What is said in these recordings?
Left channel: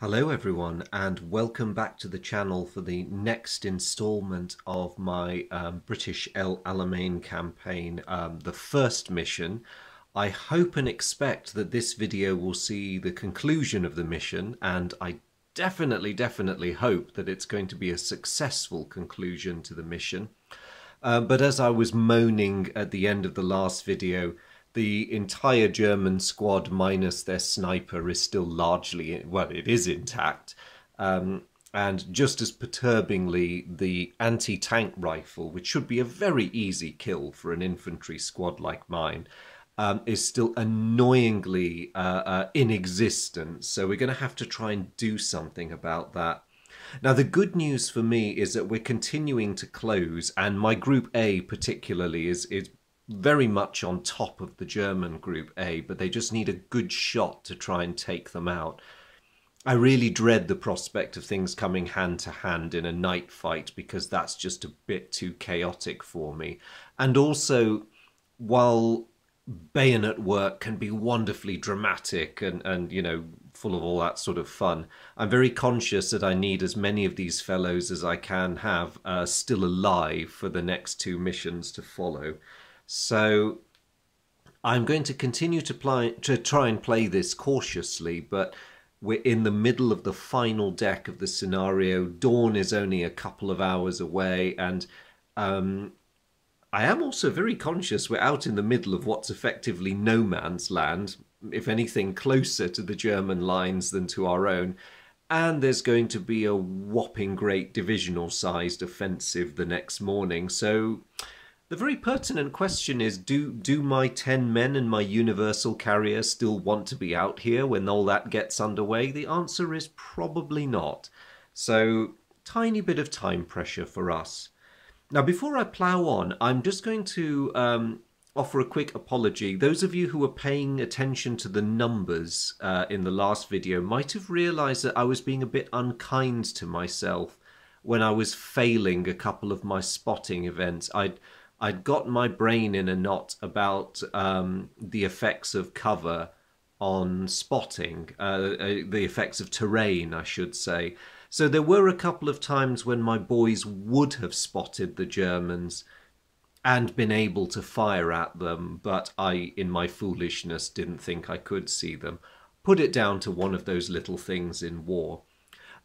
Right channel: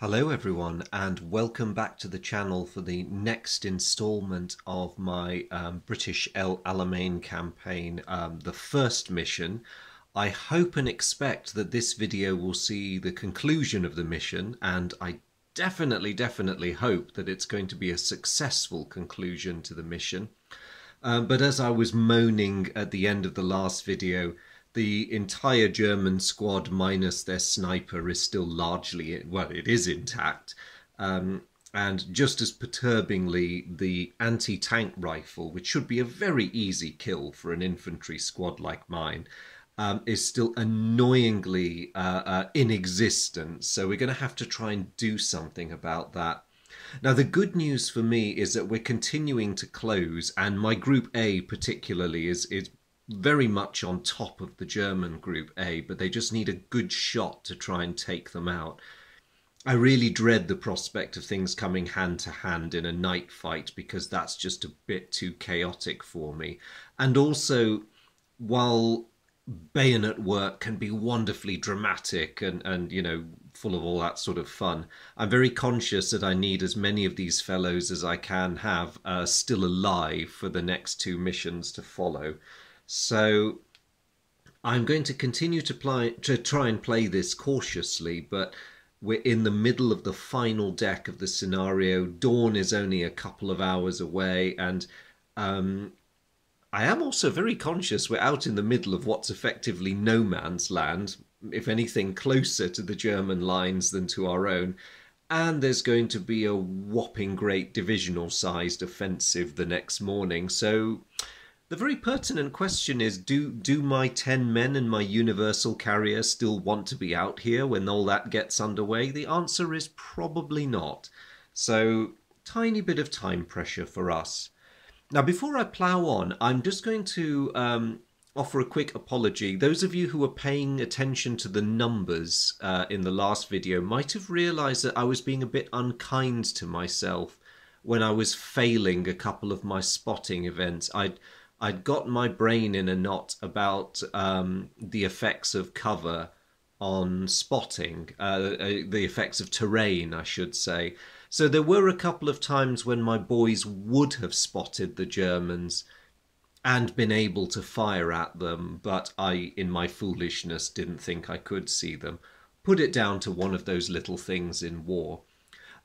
Hello everyone, and welcome back to the channel for the next installment of my British Alamein campaign, the first mission. I hope and expect that this video will see the conclusion of the mission, and I definitely hope that it's going to be a successful conclusion to the mission. But as I was moaning at the end of the last video, the entire German squad minus their sniper is still largely, well, it is intact. And just as perturbingly, the anti-tank rifle, which should be a very easy kill for an infantry squad like mine, is still annoyingly in existence. So we're going to have to try and do something about that. Now, the good news for me is that we're continuing to close, and my Group A particularly is very much on top of the German Group A, but they just need a good shot to try and take them out. I really dread the prospect of things coming hand to hand in a night fight, because that's just a bit too chaotic for me. And also, while bayonet work can be wonderfully dramatic and you know, full of all that sort of fun, I'm very conscious that I need as many of these fellows as I can have still alive for the next two missions to follow. So I'm going to continue to try and play this cautiously, but we're in the middle of the final deck of the scenario. Dawn is only a couple of hours away, and I am also very conscious we're out in the middle of what's effectively no man's land, if anything closer to the German lines than to our own, and there's going to be a whopping great divisional-sized offensive the next morning. So the very pertinent question is, do my 10 men and my universal carrier still want to be out here when all that gets underway? The answer is probably not. So, tiny bit of time pressure for us. Now, before I plough on, I'm just going to offer a quick apology. Those of you who were paying attention to the numbers in the last video might have realised that I was being a bit unkind to myself when I was failing a couple of my spotting events. I'd got my brain in a knot about the effects of cover on spotting, the effects of terrain, I should say. So there were a couple of times when my boys would have spotted the Germans and been able to fire at them, but I, in my foolishness, didn't think I could see them. Put it down to one of those little things in war.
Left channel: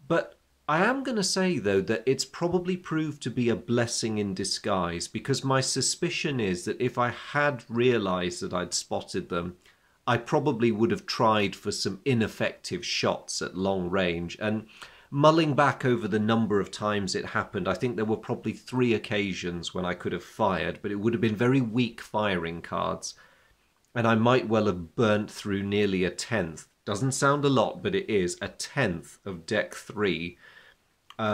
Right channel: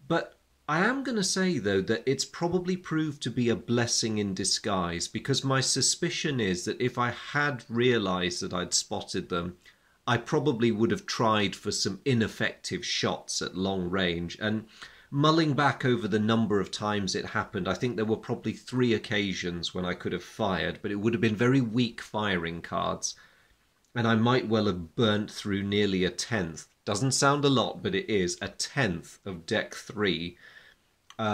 But I am going to say, though, that it's probably proved to be a blessing in disguise, because my suspicion is that if I had realised that I'd spotted them, I probably would have tried for some ineffective shots at long range. And mulling back over the number of times it happened, I think there were probably 3 occasions when I could have fired, but it would have been very weak firing cards, and I might well have burnt through nearly a tenth. Doesn't sound a lot, but it is a tenth of deck 3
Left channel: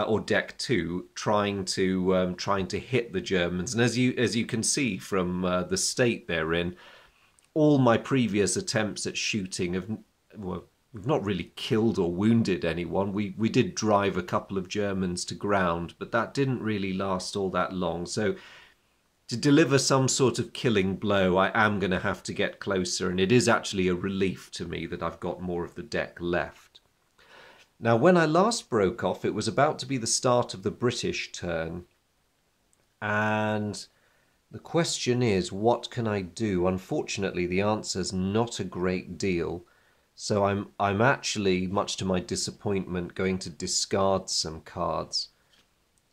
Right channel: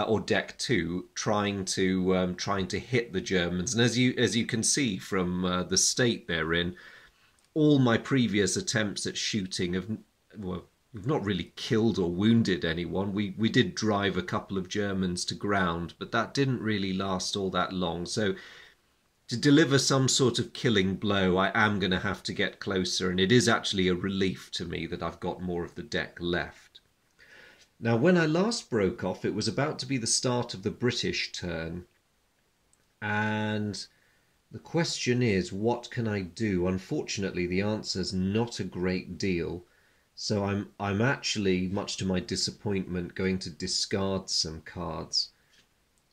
or deck 2 trying to hit the Germans. And as you can see from the state they're in, all my previous attempts at shooting have, well, we've not really killed or wounded anyone. We did drive a couple of Germans to ground, but that didn't really last all that long. So to deliver some sort of killing blow, I am going to have to get closer, and it is actually a relief to me that I've got more of the deck left. Now, when I last broke off, it was about to be the start of the British turn, and the question is, what can I do? Unfortunately, the answer's not a great deal. So I'm actually, much to my disappointment, going to discard some cards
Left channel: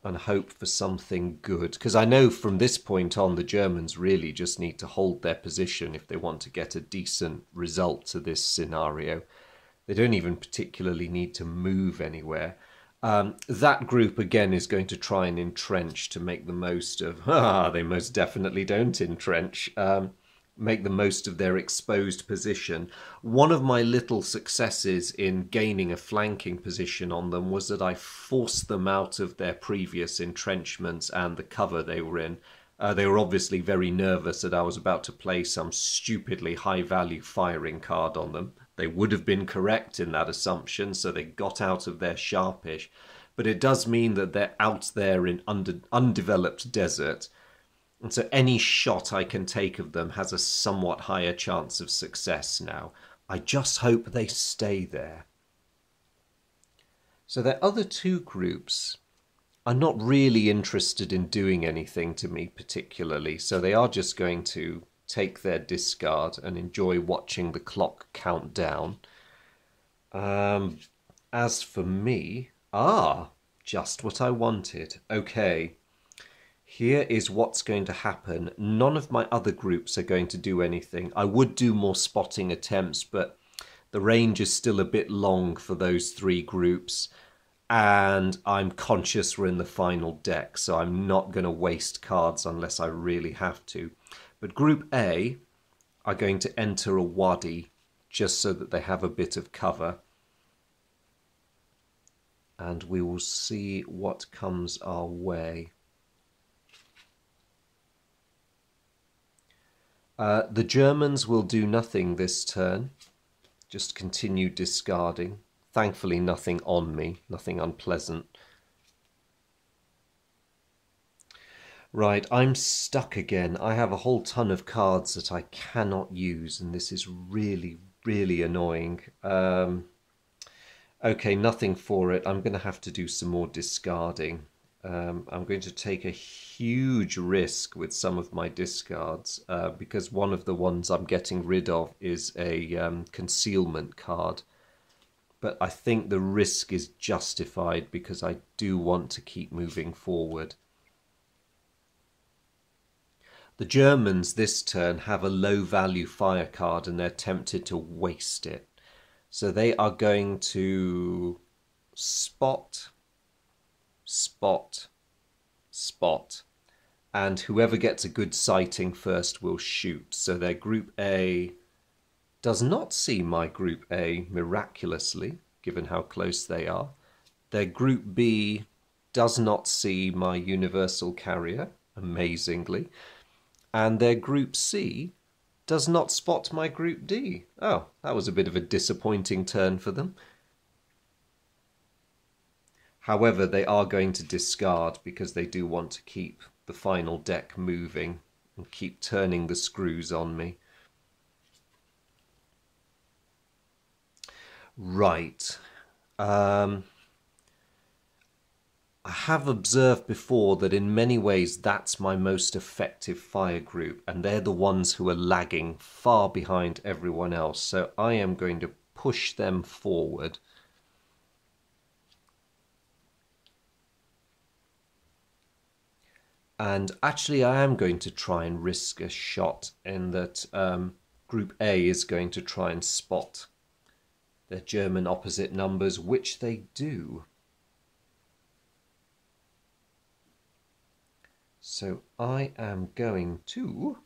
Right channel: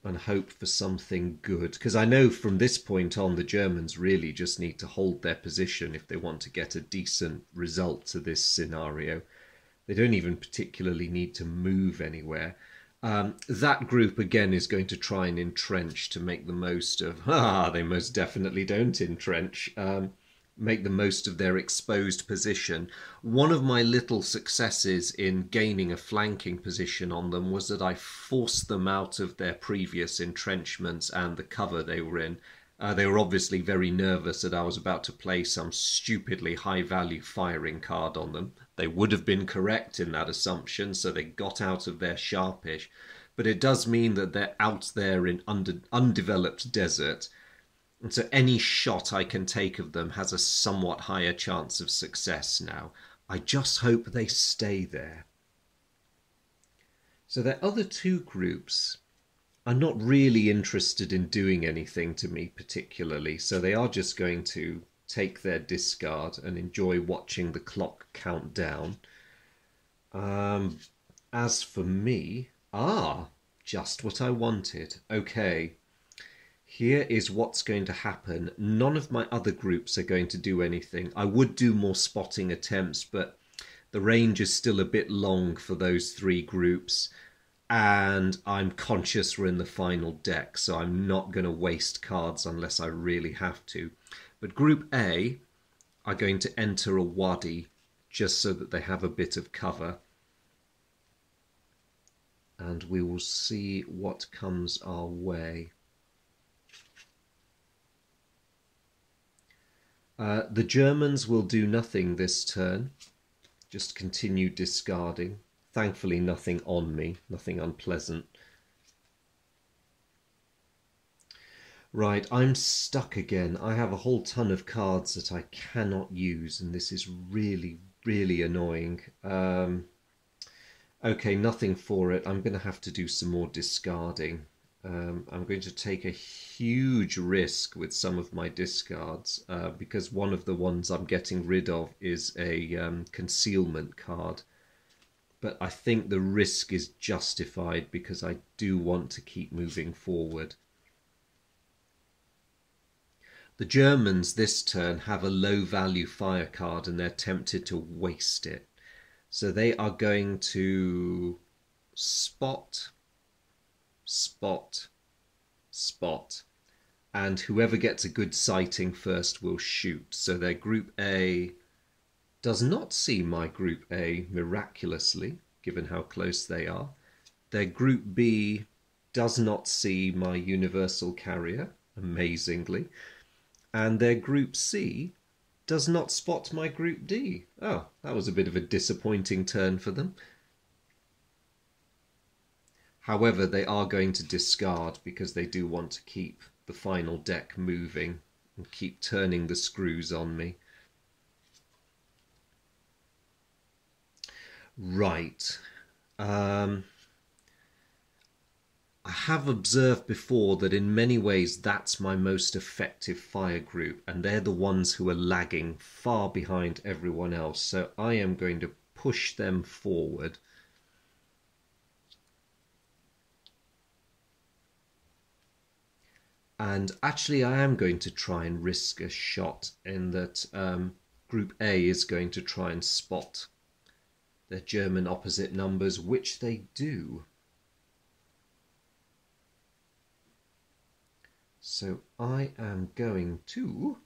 and hope for something good. Because I know from this point on, the Germans really just need to hold their position if they want to get a decent result to this scenario. They don't even particularly need to move anywhere. That group, again, is going to try and entrench to make the most of... they most definitely don't entrench. Make the most of their exposed position. One of my little successes in gaining a flanking position on them was that I forced them out of their previous entrenchments and the cover they were in. They were obviously very nervous that I was about to play some stupidly high-value firing card on them. They would have been correct in that assumption, so they got out of their sharpish. But it does mean that they're out there in undeveloped desert, and so any shot I can take of them has a somewhat higher chance of success now. I just hope they stay there. So their other two groups are not really interested in doing anything to me particularly, so they are just going to take their discard and enjoy watching the clock count down. As for me, just what I wanted. Okay, here is what's going to happen. None of my other groups are going to do anything. I would do more spotting attempts, but the range is still a bit long for those three groups. And I'm conscious we're in the final deck, so I'm not going to waste cards unless I really have to. But Group A are going to enter a wadi just so that they have a bit of cover. And we will see what comes our way. The Germans will do nothing this turn, just continue discarding. Thankfully, nothing on me, nothing unpleasant. Right, I'm stuck again. I have a whole ton of cards that I cannot use, and this is really, really annoying. Okay, nothing for it. I'm going to have to do some more discarding. I'm going to take a huge risk with some of my discards because one of the ones I'm getting rid of is a concealment card. But I think the risk is justified because I do want to keep moving forward. The Germans this turn have a low value fire card and they're tempted to waste it. So they are going to spot, spot, spot. And whoever gets a good sighting first will shoot. So their Group A does not see my Group A miraculously, given how close they are. Their Group B does not see my Universal Carrier, amazingly. And their Group C does not spot my Group D. Oh, that was a bit of a disappointing turn for them. However, they are going to discard because they do want to keep the final deck moving and keep turning the screws on me. Right. I have observed before that in many ways that's my most effective fire group, and they're the ones who are lagging far behind everyone else. So I am going to push them forward. And actually I am going to try and risk a shot in that Group A is going to try and spot their German opposite numbers, which they do. So I am going to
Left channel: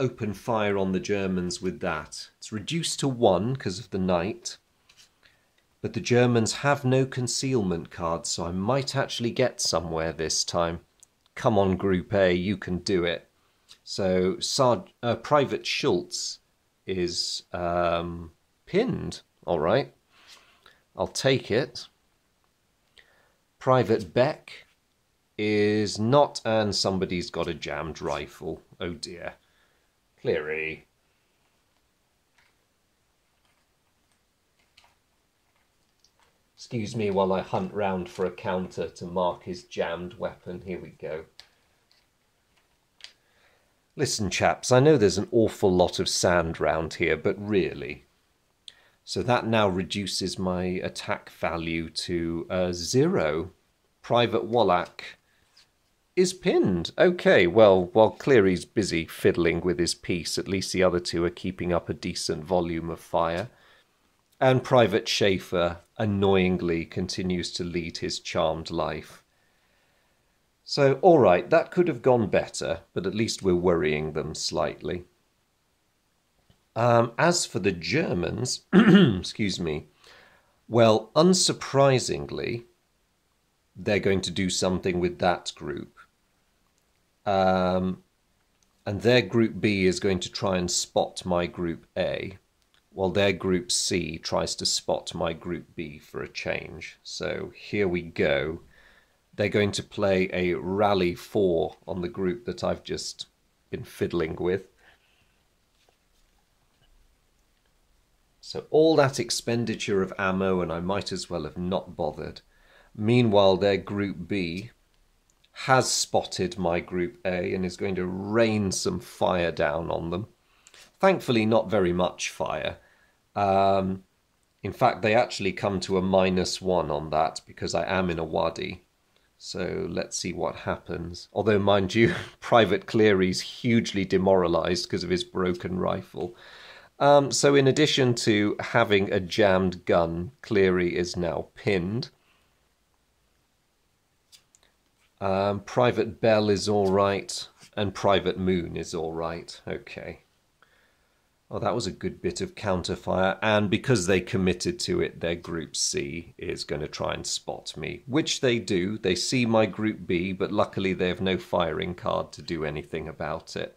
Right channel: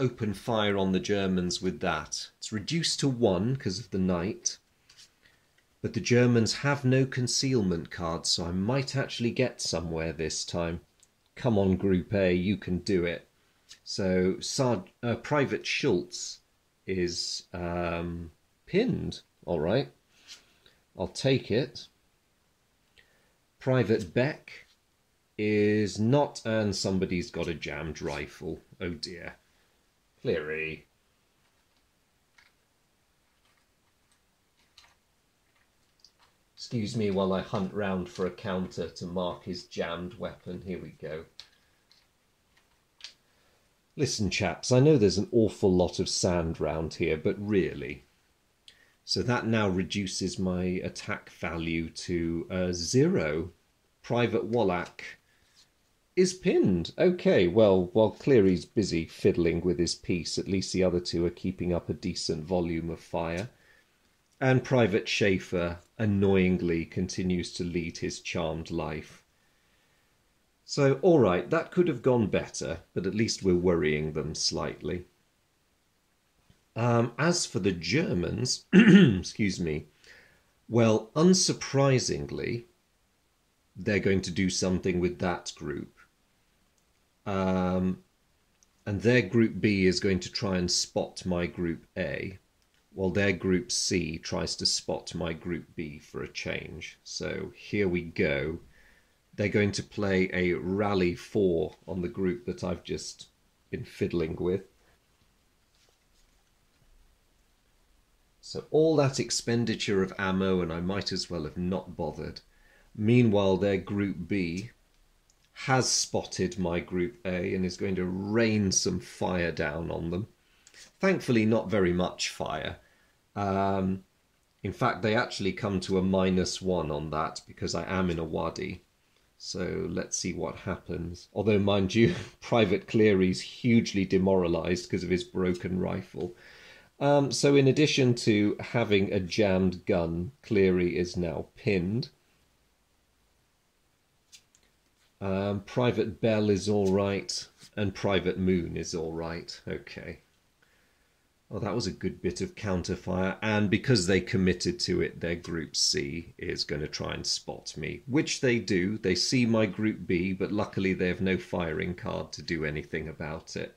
open fire on the Germans with that. It's reduced to 1 because of the knight, but the Germans have no concealment cards, so I might actually get somewhere this time. Come on, Group A, you can do it. So Private Schultz is pinned. All right, I'll take it. Private Beck is not, and somebody's got a jammed rifle. Oh dear. Cleary. Excuse me while I hunt round for a counter to mark his jammed weapon. Here we go. Listen, chaps, I know there's an awful lot of sand round here, but really. So that now reduces my attack value to 0. Private Wallach is pinned. Okay, well, while Cleary's busy fiddling with his piece, at least the other two are keeping up a decent volume of fire. And Private Schaefer annoyingly continues to lead his charmed life. So, all right, that could have gone better, but at least we're worrying them slightly. As for the Germans, excuse me, well, unsurprisingly, they're going to do something with that group. And their Group B is going to try and spot my Group A, while their Group C tries to spot my Group B for a change. So here we go. They're going to play a Rally 4 on the group that I've just been fiddling with. So all that expenditure of ammo, and I might as well have not bothered. Meanwhile, their Group B has spotted my Group A and is going to rain some fire down on them. Thankfully, not very much fire. In fact, they actually come to a -1 on that because I am in a wadi. So let's see what happens. Although, mind you, Private Cleary's hugely demoralised because of his broken rifle. So in addition to having a jammed gun, Cleary is now pinned. Private Bell is all right, and Private Moon is all right. Okay. Oh, that was a good bit of counterfire, and because they committed to it, their Group C is going to try and spot me, which they do. They see my Group B, but luckily they have no firing card to do anything about it,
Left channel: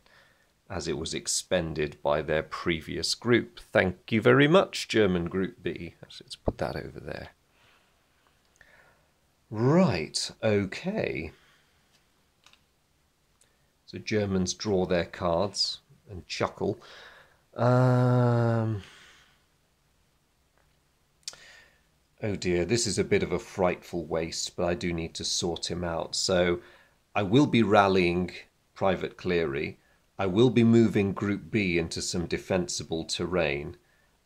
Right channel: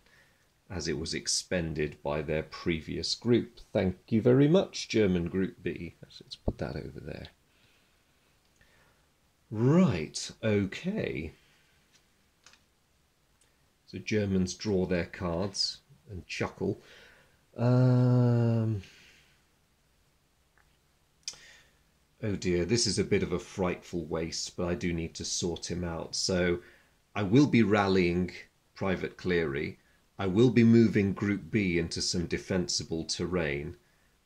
as it was expended by their previous group. Thank you very much, German Group B. Let's put that over there. Right, okay. So Germans draw their cards and chuckle. Oh dear, this is a bit of a frightful waste, but I do need to sort him out. So I will be rallying Private Cleary. I will be moving Group B into some defensible terrain,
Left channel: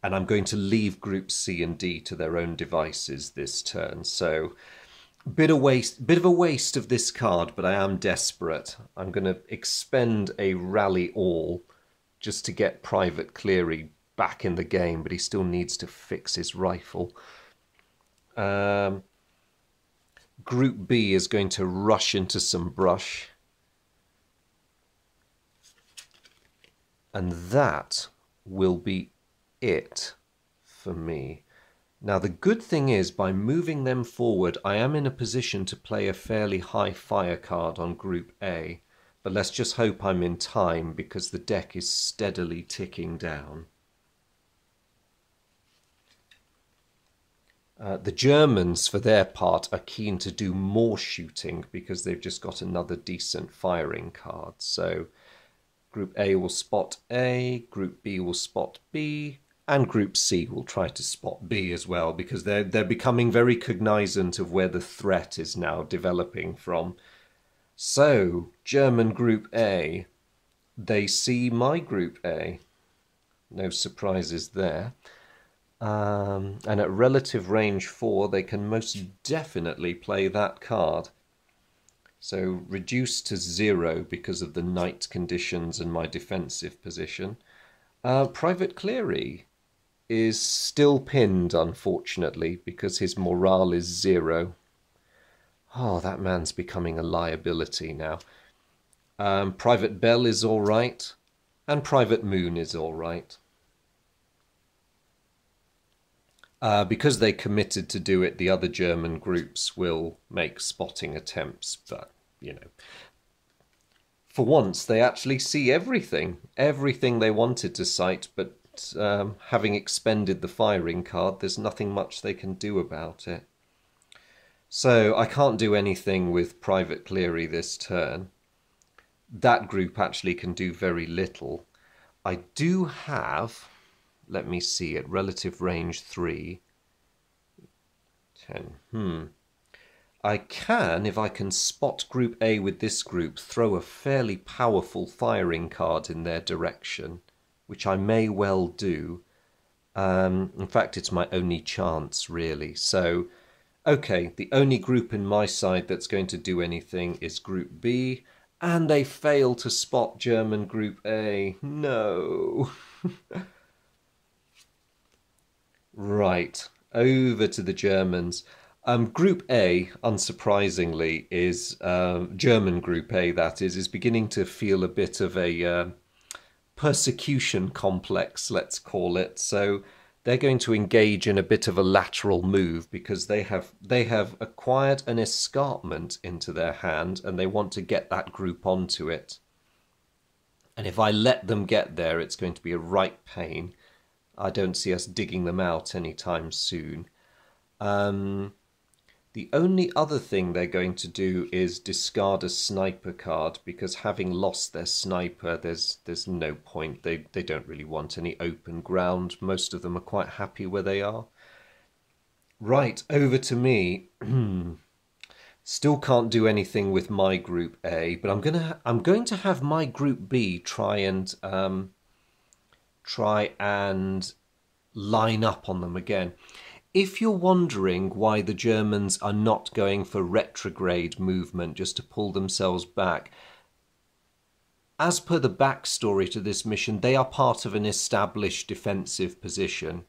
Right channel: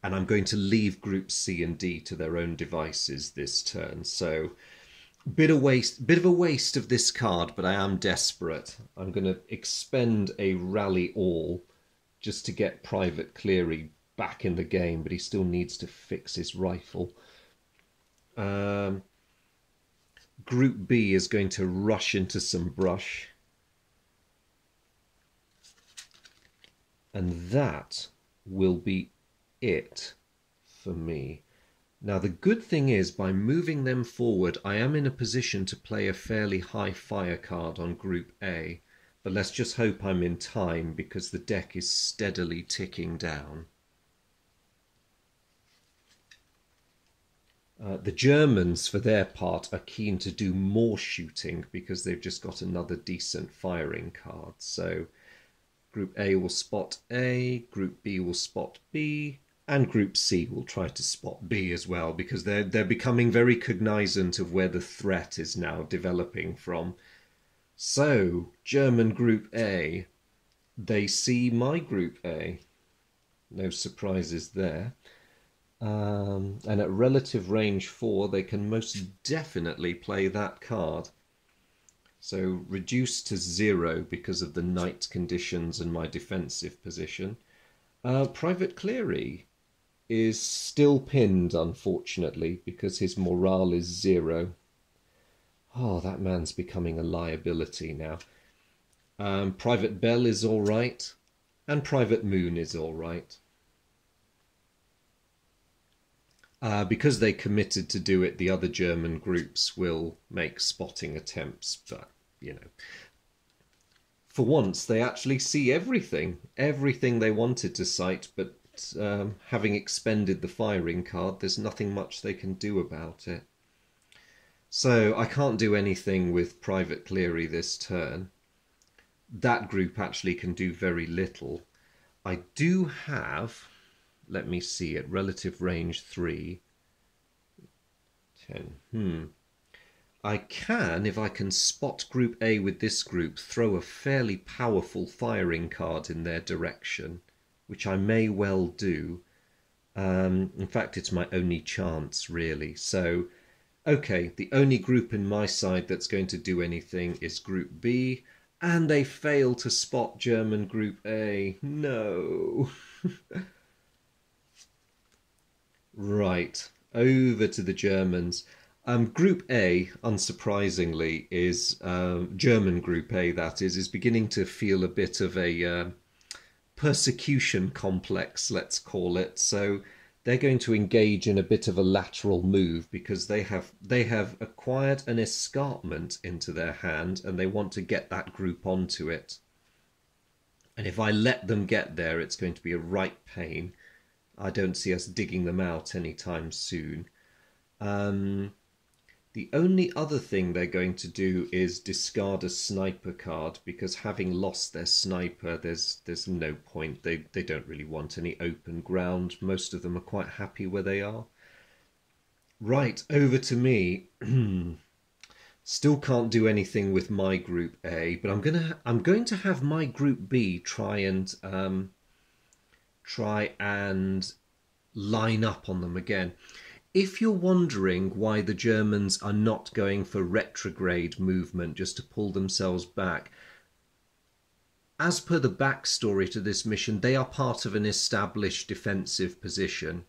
and I'm going to leave Group C and D to their own devices this turn. So bit of a waste of this card, but I am desperate. I'm going to expend a rally all just to get Private Cleary back in the game, but he still needs to fix his rifle. Group B is going to rush into some brush. And that will be it for me. Now, the good thing is, by moving them forward, I am in a position to play a fairly high fire card on Group A. But let's just hope I'm in time, because the deck is steadily ticking down. The Germans, for their part, are keen to do more shooting because they've just got another decent firing card. So Group A will spot A, Group B will spot B, and Group C will try to spot B as well, because they're becoming very cognizant of where the threat is now developing from. So, German Group A, they see my Group A. No surprises there. And at relative range 4, they can most definitely play that card. So, reduced to 0 because of the night conditions and my defensive position. Private Cleary is still pinned, unfortunately, because his morale is 0. Oh, that man's becoming a liability now. Private Bell is all right, and Private Moon is all right. Because they committed to do it, the other German groups will make spotting attempts, but, you know, for once they actually see everything they wanted to sight, but having expended the firing card, there's nothing much they can do about it. So I can't do anything with Private Cleary this turn. That group actually can do very little. I do have, let me see, at relative range 3, 10, I can, if I can spot Group A with this group, throw a fairly powerful firing card in their direction, which I may well do. In fact, it's my only chance, really. So, okay, the only group in my side that's going to do anything is Group B, and they fail to spot German Group A. No. Right, over to the Germans. Group A, unsurprisingly, is German Group A, that is beginning to feel a bit of a persecution complex, let's call it. So they're going to engage in a bit of a lateral move because they have acquired an escarpment into their hand and they want to get that group onto it. And if I let them get there, it's going to be a right pain. I don't see us digging them out anytime soon. The only other thing they're going to do is discard a sniper card, because having lost their sniper, there's no point. They don't really want any open ground. Most of them are quite happy where they are. Right, over to me. Still can't do anything with my group A, but I'm going to have my group B try and line up on them again. If you're wondering why the Germans are not going for retrograde movement just to pull themselves back, as per the backstory to this mission, they are part of an established defensive position.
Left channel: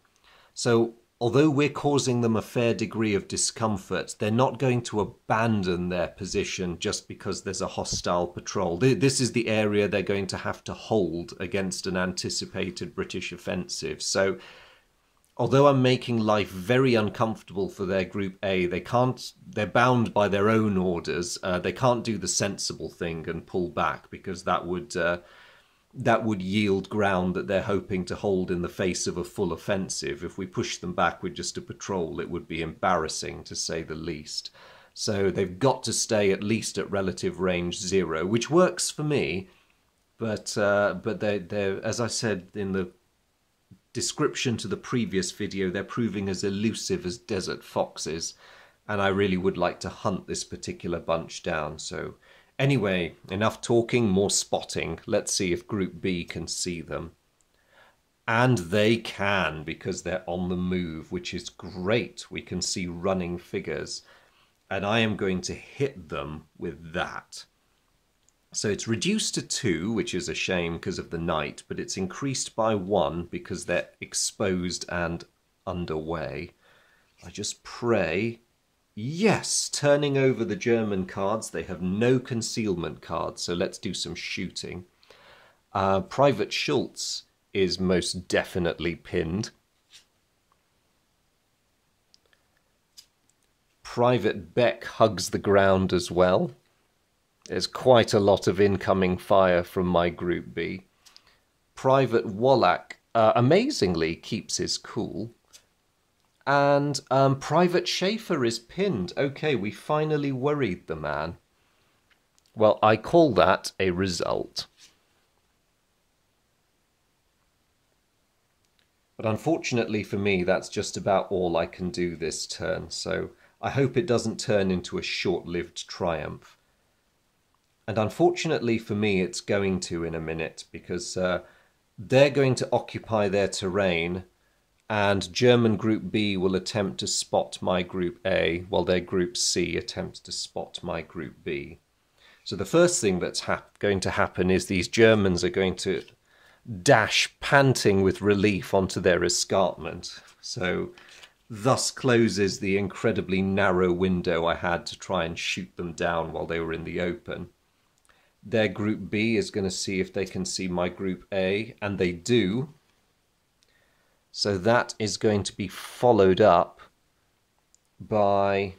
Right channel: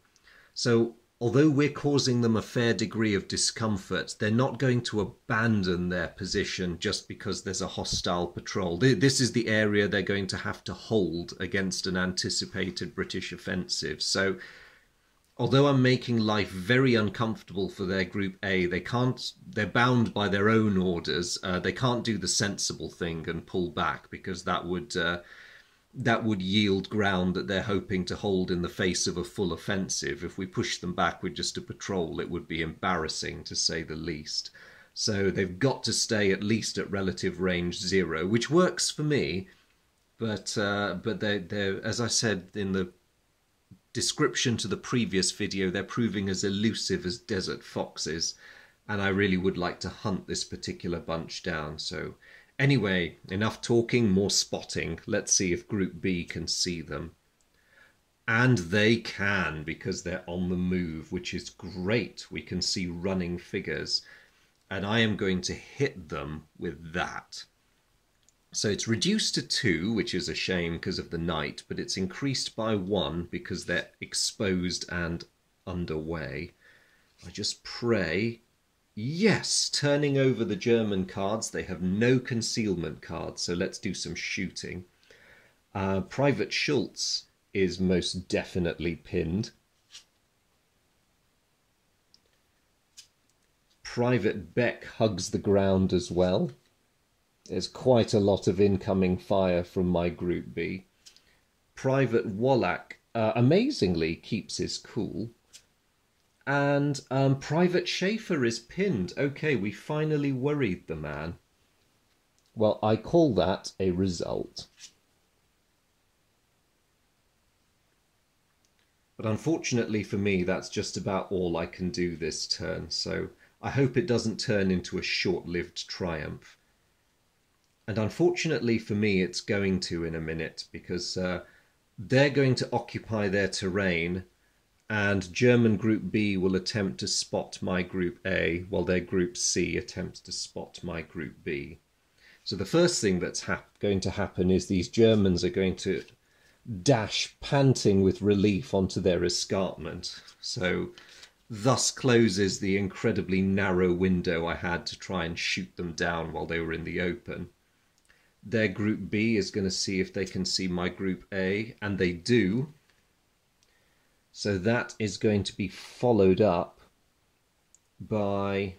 So although we're causing them a fair degree of discomfort, they're not going to abandon their position just because there's a hostile patrol. This is the area they're going to have to hold against an anticipated British offensive. So although I'm making life very uncomfortable for their Group A, they're bound by their own orders. They can't do the sensible thing and pull back, because that would yield ground that they're hoping to hold in the face of a full offensive. If we push them back with just a patrol, it would be embarrassing, to say the least. So they've got to stay at least at relative range 0, which works for me. But they're, as I said in the description to the previous video, they're proving as elusive as desert foxes, and I really would like to hunt this particular bunch down. So anyway, enough talking, more spotting. Let's see if Group B can see them. And they can, because they're on the move, which is great. We can see running figures, and I am going to hit them with that. So it's reduced to 2, which is a shame because of the night, but it's increased by 1 because they're exposed and underway. I just pray. Yes, turning over the German cards. They have no concealment cards, so let's do some shooting. Private Schultz is most definitely pinned. Private Beck hugs the ground as well. There's quite a lot of incoming fire from my Group B. Private Wallach amazingly keeps his cool. And Private Schaefer is pinned. Okay, we finally worried the man. Well, I call that a result. But unfortunately for me, that's just about all I can do this turn. So I hope it doesn't turn into a short-lived triumph. And unfortunately for me, it's going to in a minute, because they're going to occupy their terrain, and German Group B will attempt to spot my Group A, while their Group C attempts to spot my Group B. So the first thing that's going to happen is these Germans are going to dash panting with relief onto their escarpment. So thus closes the incredibly narrow window I had to try and shoot them down while they were in the open. Their Group B is going to see if they can see my Group A, and they do. So that is going to be followed up by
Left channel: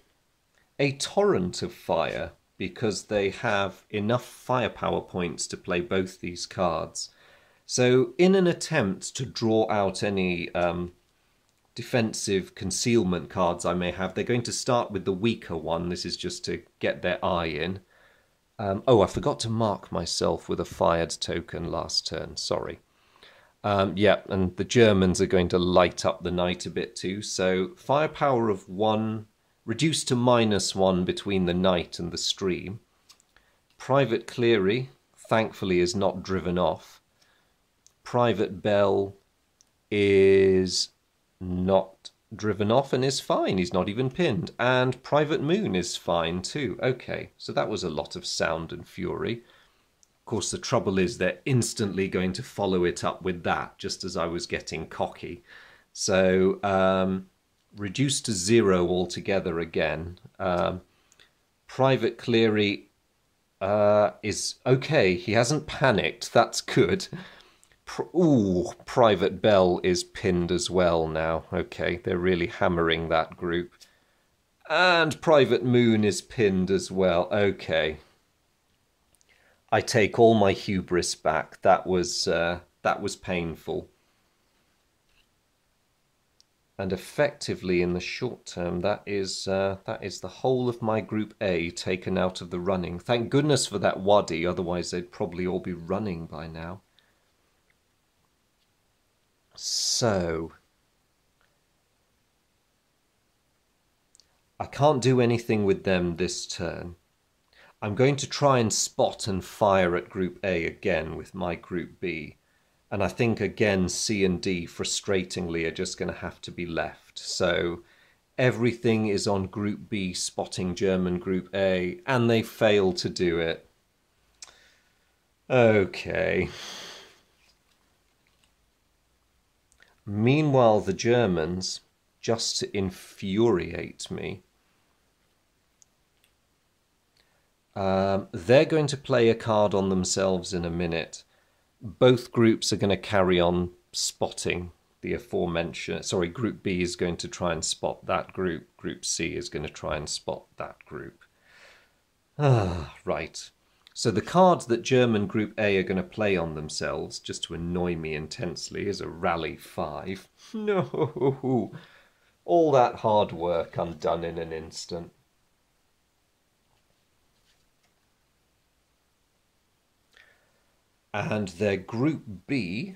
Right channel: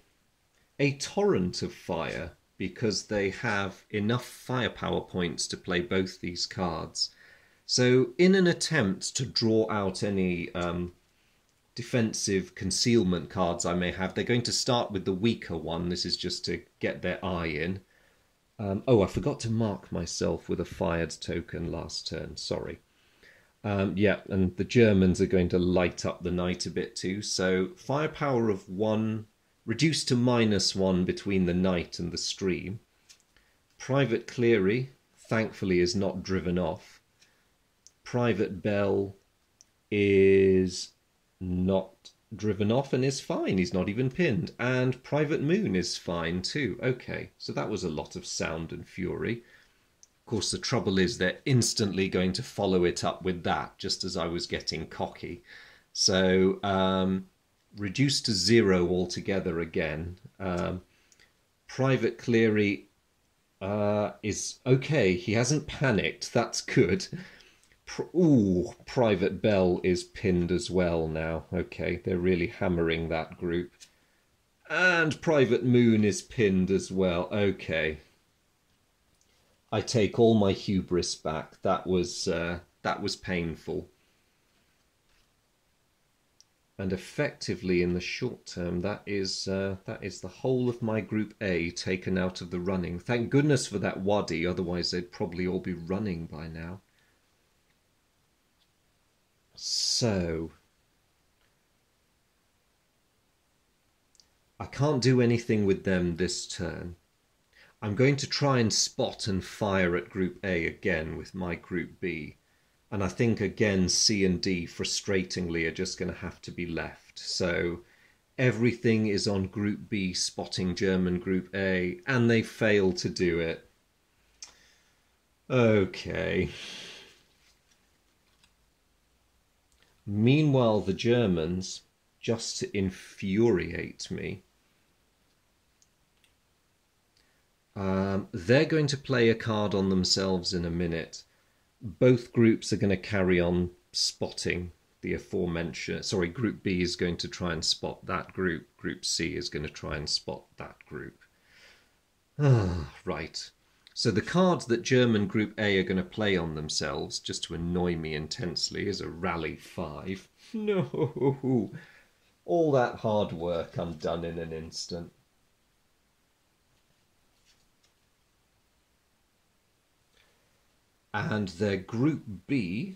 a torrent of fire, because they have enough firepower points to play both these cards. So in an attempt to draw out any defensive concealment cards I may have, they're going to start with the weaker one. This is just to get their eye in. Oh, I forgot to mark myself with a fired token last turn, sorry. Yeah, and the Germans are going to light up the night a bit too. So firepower of 1, reduced to -1 between the night and the stream. Private Cleary, thankfully, is not driven off. Private Bell is not driven off and is fine. He's not even pinned. And Private Moon is fine too. Okay, so that was a lot of sound and fury. Of course, the trouble is they're instantly going to follow it up with that, just as I was getting cocky. So reduced to 0 altogether again. Private Cleary is okay. He hasn't panicked. That's good. Ooh, Private Bell is pinned as well now. Okay, they're really hammering that group. And Private Moon is pinned as well. Okay. I take all my hubris back. That was painful. And effectively, in the short term, that is the whole of my Group A taken out of the running. Thank goodness for that Wadi, otherwise they'd probably all be running by now. So, I can't do anything with them this turn. I'm going to try and spot and fire at Group A again with my Group B. And I think, again, C and D, frustratingly, are just going to have to be left. So everything is on Group B, spotting German Group A, and they fail to do it. Okay. Meanwhile, the Germans, just to infuriate me, they're going to play a card on themselves in a minute. Both groups are going to carry on spotting the aforementioned. Sorry, Group B is going to try and spot that group. Group C is going to try and spot that group. Right. So the cards that German Group A are going to play on themselves, just to annoy me intensely, is a Rally 5. No! All that hard work undone in an instant. And their Group B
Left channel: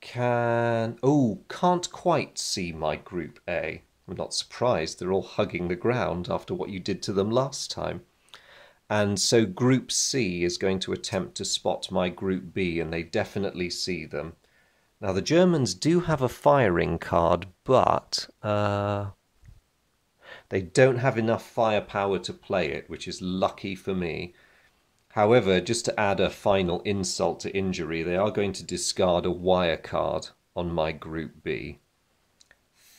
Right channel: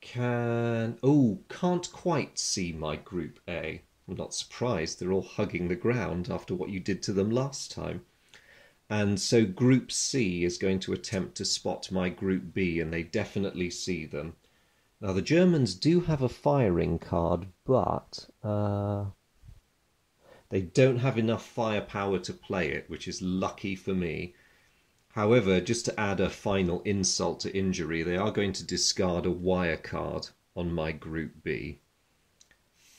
can't quite see my Group A. I'm not surprised, they're all hugging the ground after what you did to them last time. And so Group C is going to attempt to spot my Group B, and they definitely see them. Now the Germans do have a firing card, but they don't have enough firepower to play it, which is lucky for me. However, just to add a final insult to injury, they are going to discard a wire card on my Group B.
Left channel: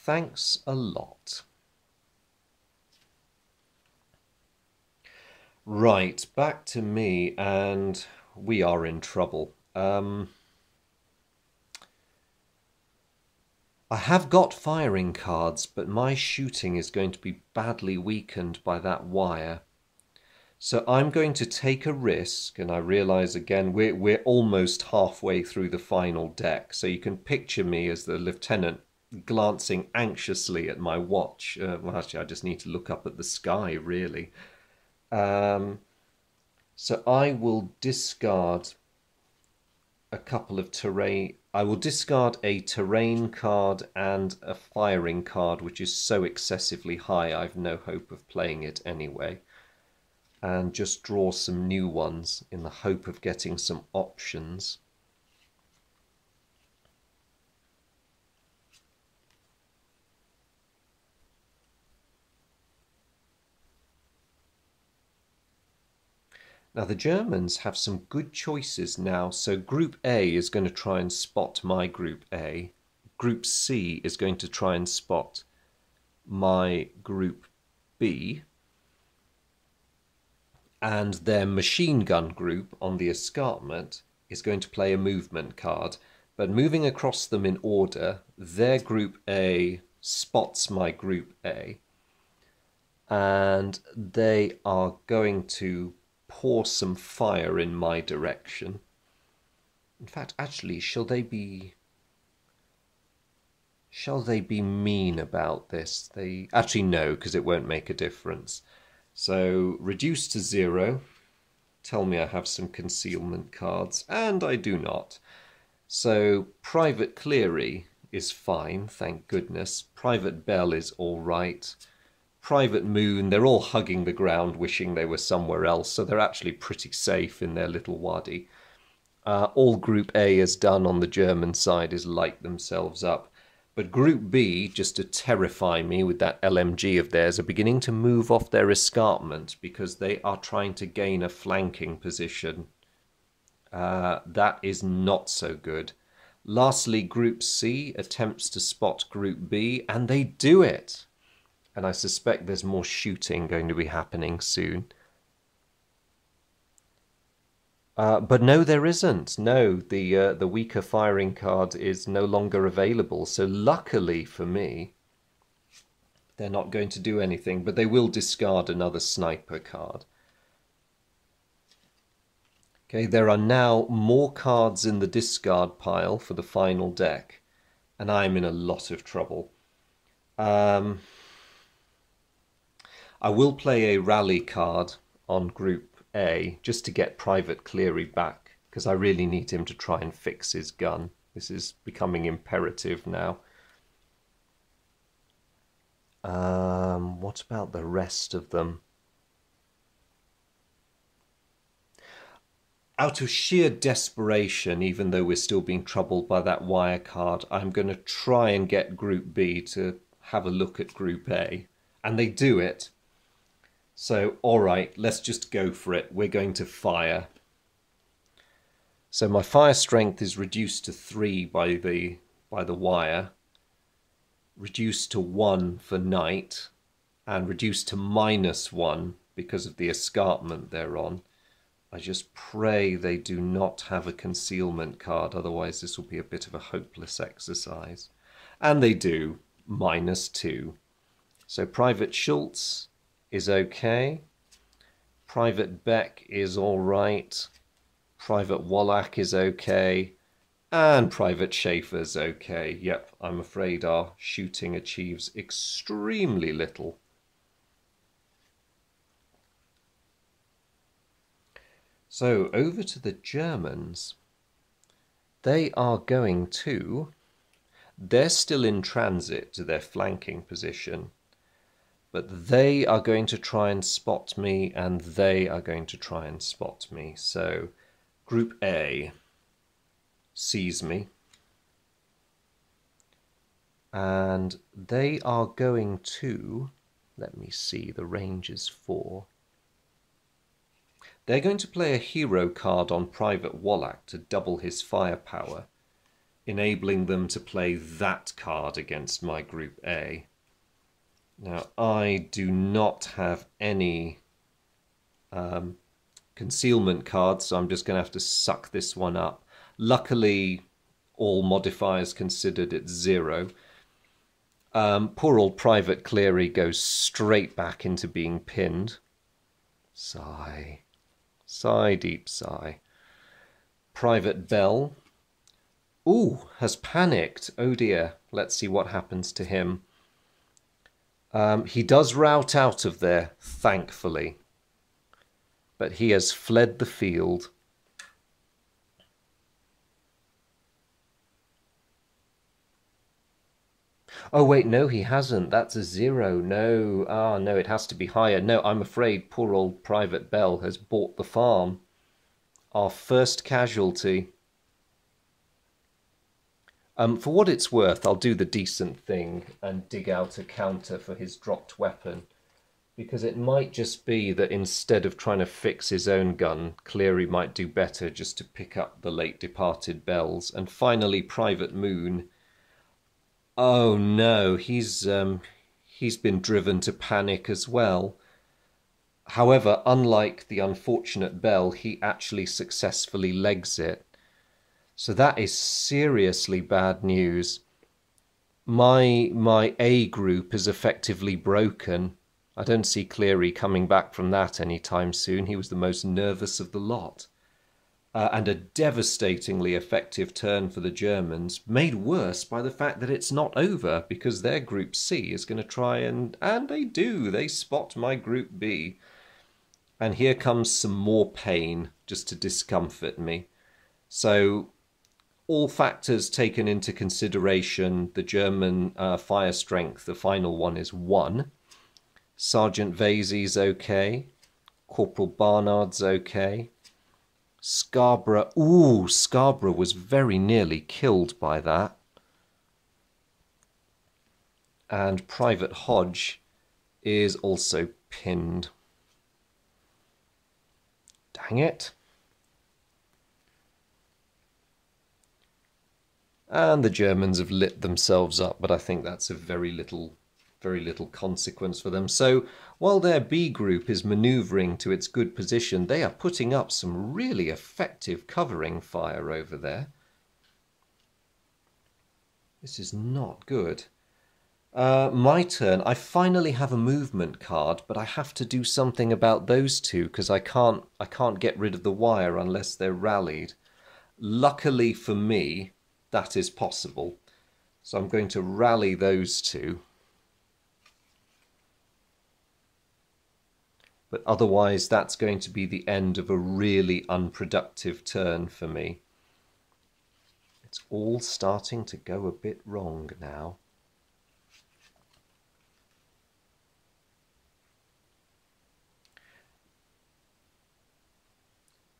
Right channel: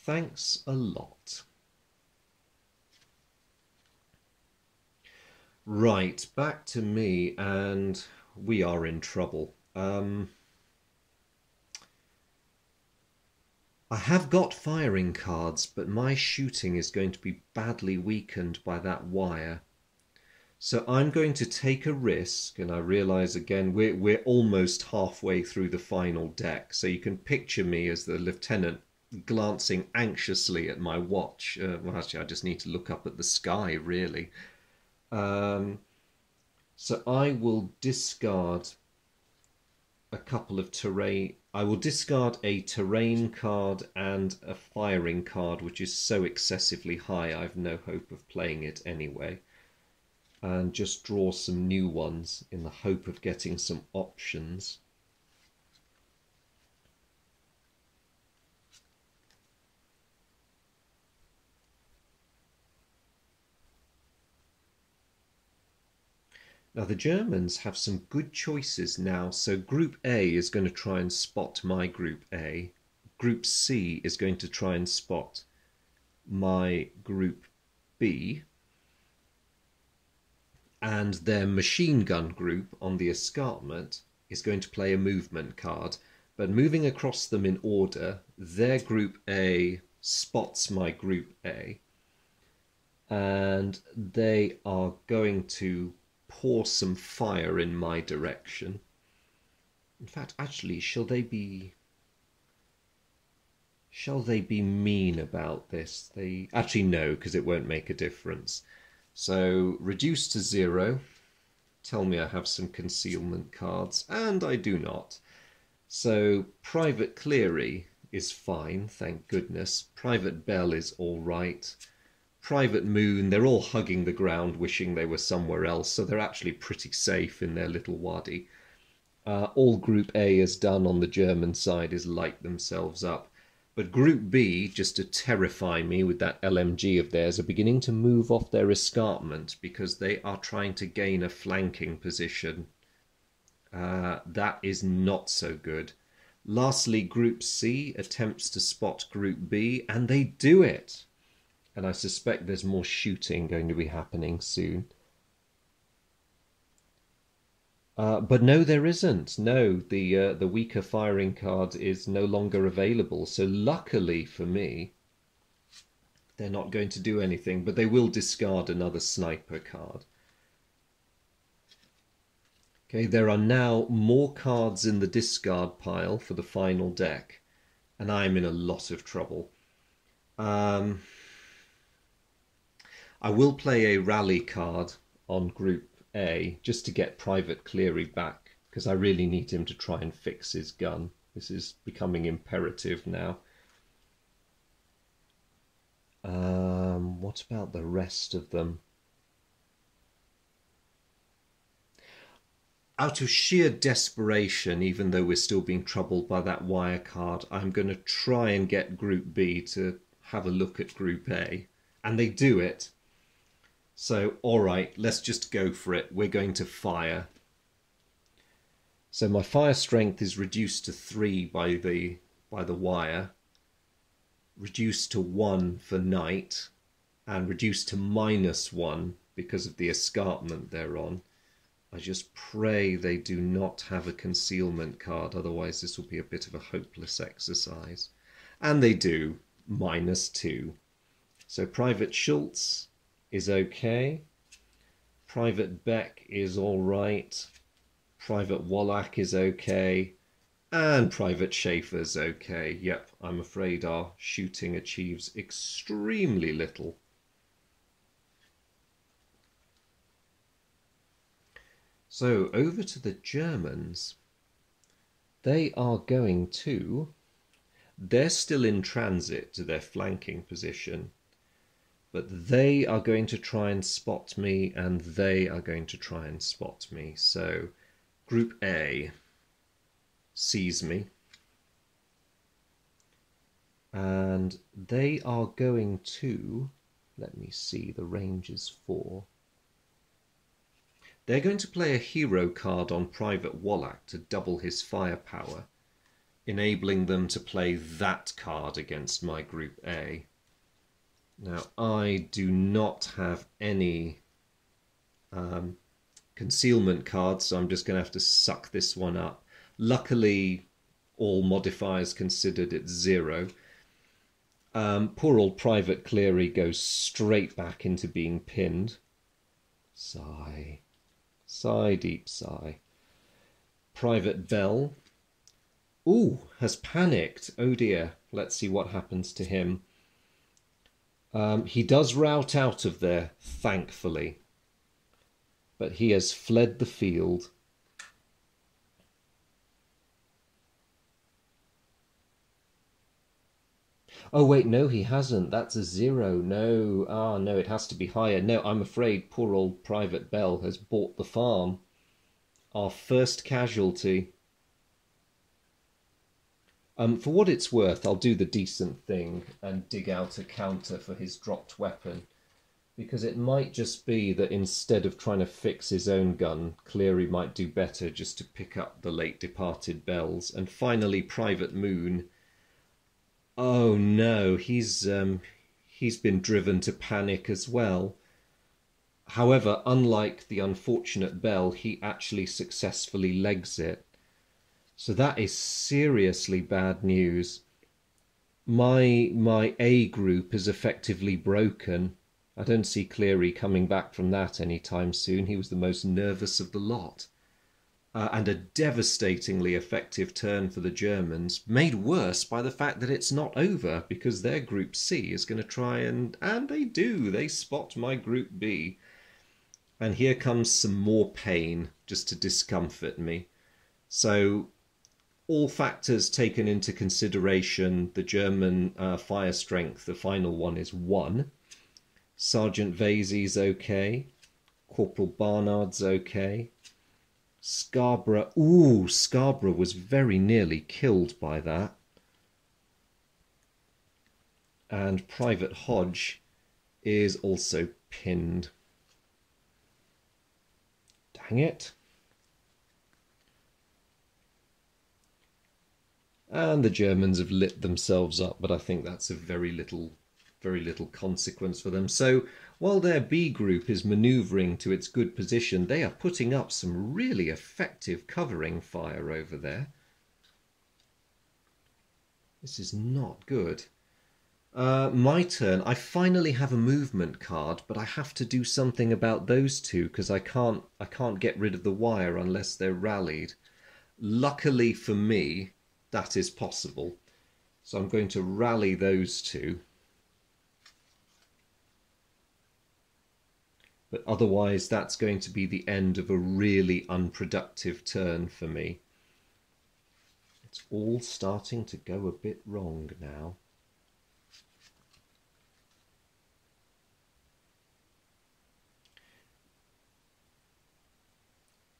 Thanks a lot. Right, back to me, and we are in trouble. I have got firing cards, but my shooting is going to be badly weakened by that wire. So I'm going to take a risk, and I realise again we're almost halfway through the final deck, so you can picture me as the lieutenant glancing anxiously at my watch. Well, actually, I just need to look up at the sky, really. So I will discard a couple of terrain. I will discard a terrain card and a firing card, which is so excessively high I've no hope of playing it anyway. And just draw some new ones in the hope of getting some options. Now the Germans have some good choices now, so Group A is going to try and spot my Group A. Group C is going to try and spot my Group B. And their machine gun group on the escarpment is going to play a movement card. But moving across them in order, their Group A spots my Group A. And they are going to pour some fire in my direction. In fact, actually, shall they be mean about this? Actually, no, because it won't make a difference. So, reduce to 0. Tell me I have some concealment cards, and I do not. So, Private Cleary is fine, thank goodness. Private Bell is all right. Private Moon, they're all hugging the ground, wishing they were somewhere else, so they're actually pretty safe in their little wadi. All Group A has done on the German side is light themselves up. But Group B, just to terrify me with that LMG of theirs, are beginning to move off their escarpment because they are trying to gain a flanking position. That is not so good. Lastly, Group C attempts to spot Group B, and they do it. And I suspect there's more shooting going to be happening soon. But no, there isn't. No, the weaker firing card is no longer available. So luckily for me, they're not going to do anything, but they will discard another sniper card. Okay, there are now more cards in the discard pile for the final deck. and I'm in a lot of trouble. I will play a rally card on Group A just to get Private Cleary back, because I really need him to try and fix his gun. This is becoming imperative now. What about the rest of them? Out of sheer desperation, even though we're still being troubled by that wire card, I'm going to try and get Group B to have a look at Group A. And they do it. So, all right, let's just go for it. We're going to fire. So my fire strength is reduced to 3 by the wire, reduced to 1 for night, and reduced to -1 because of the escarpment they're on. I just pray they do not have a concealment card, otherwise this will be a bit of a hopeless exercise. And they do, -2. So Private Schultz is okay. Private Beck is all right. Private Wallach is okay. And Private Schaefer's okay. Yep, I'm afraid our shooting achieves extremely little. So over to the Germans. They are going to... They're still in transit to their flanking position. But they are going to try and spot me, and they are going to try and spot me. So Group A sees me. And they are going to... Let me see, the range is 4. They're going to play a hero card on Private Wallach to double his firepower, enabling them to play that card against my Group A. Now, I do not have any concealment cards, so I'm just going to have to suck this one up. Luckily, all modifiers considered, it's 0. Poor old Private Cleary goes straight back into being pinned. Sigh. Sigh, deep sigh. Private Bell. Ooh, has panicked. Oh dear. Let's see what happens to him. He does rout out of there, thankfully. But he has fled the field. Oh wait, no, he hasn't. That's a 0. No, no, it has to be higher. No, I'm afraid poor old Private Bell has bought the farm. Our first casualty. For what it's worth, I'll do the decent thing and dig out a counter for his dropped weapon, because it might just be that instead of trying to fix his own gun, Cleary might do better just to pick up the late departed Bells. And finally, Private Moon. Oh no, he's been driven to panic as well. However, unlike the unfortunate Bell, he actually successfully legs it. So that is seriously bad news. My A group is effectively broken. I don't see Cleary coming back from that anytime soon. He was the most nervous of the lot. And a devastatingly effective turn for the Germans, made worse by the fact that it's not over, because their Group C is going to try and they do. They spot my Group B. And here comes some more pain just to discomfort me. So all factors taken into consideration, the German fire strength, the final one, is 1. Sergeant Vasey's okay. Corporal Barnard's okay. Scarborough, ooh, Scarborough was very nearly killed by that. And Private Hodge is also pinned. Dang it. And the Germans have lit themselves up, but I think that's of very little consequence for them. So while their B group is manoeuvring to its good position, they are putting up some really effective covering fire over there. This is not good. My turn. I finally have a movement card, but I have to do something about those two because I can't get rid of the wire unless they're rallied. Luckily for me, that is possible. So I'm going to rally those two. But otherwise, that's going to be the end of a really unproductive turn for me. It's all starting to go a bit wrong now.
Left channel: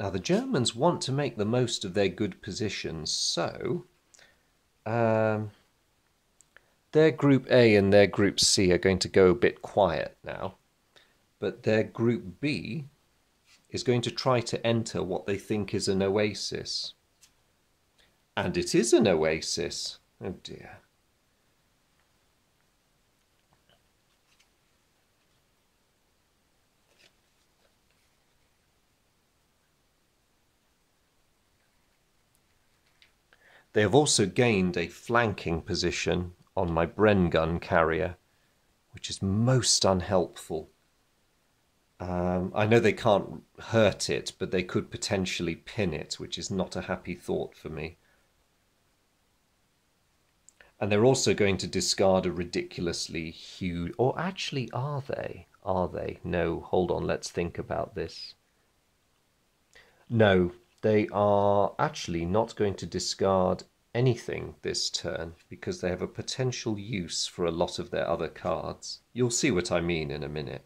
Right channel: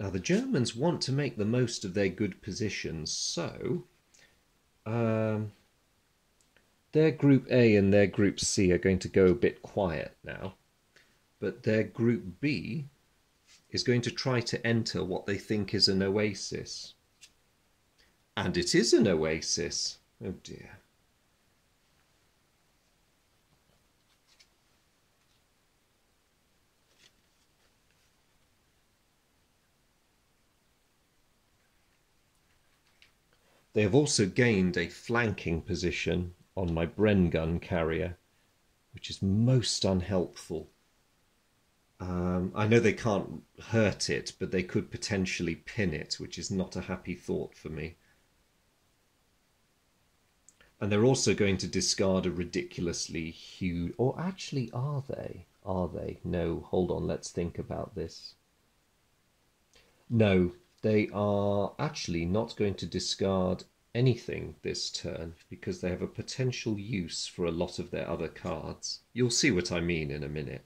Now, the Germans want to make the most of their good positions, so their Group A and their Group C are going to go a bit quiet now. But their Group B is going to try to enter what they think is an oasis. And it is an oasis. Oh dear. They have also gained a flanking position on my Bren gun carrier, which is most unhelpful. I know they can't hurt it, but they could potentially pin it, which is not a happy thought for me. And they're also going to discard a ridiculously huge... Or actually, are they? Are they? No, hold on, let's think about this. No, they are actually not going to discard anything this turn because they have a potential use for a lot of their other cards. You'll see what I mean in a minute.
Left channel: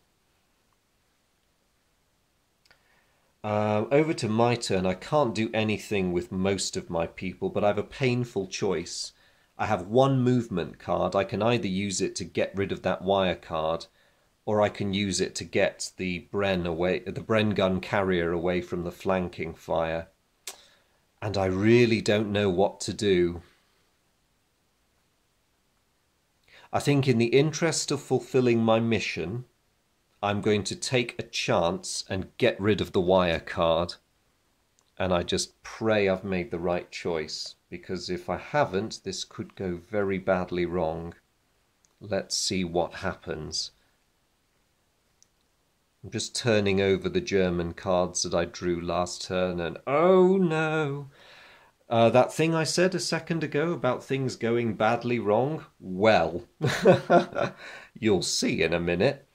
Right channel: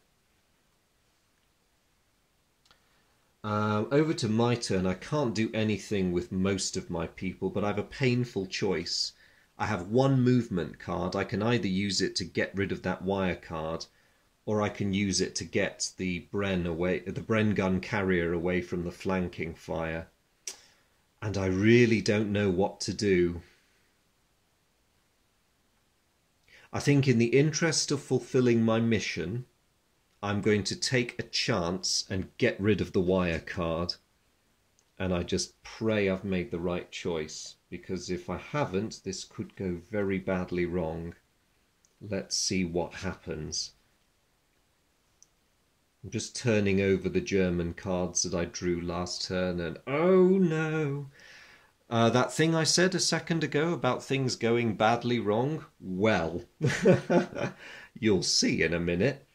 Over to my turn. I can't do anything with most of my people, but I have a painful choice. I have one movement card. I can either use it to get rid of that wire card, or I can use it to get the Bren gun carrier away from the flanking fire. And I really don't know what to do. I think in the interest of fulfilling my mission, I'm going to take a chance and get rid of the wire card. And I just pray I've made the right choice, because if I haven't, this could go very badly wrong. Let's see what happens. I'm just turning over the German cards that I drew last turn, and oh no! That thing I said a second ago about things going badly wrong? Well, you'll see in a minute.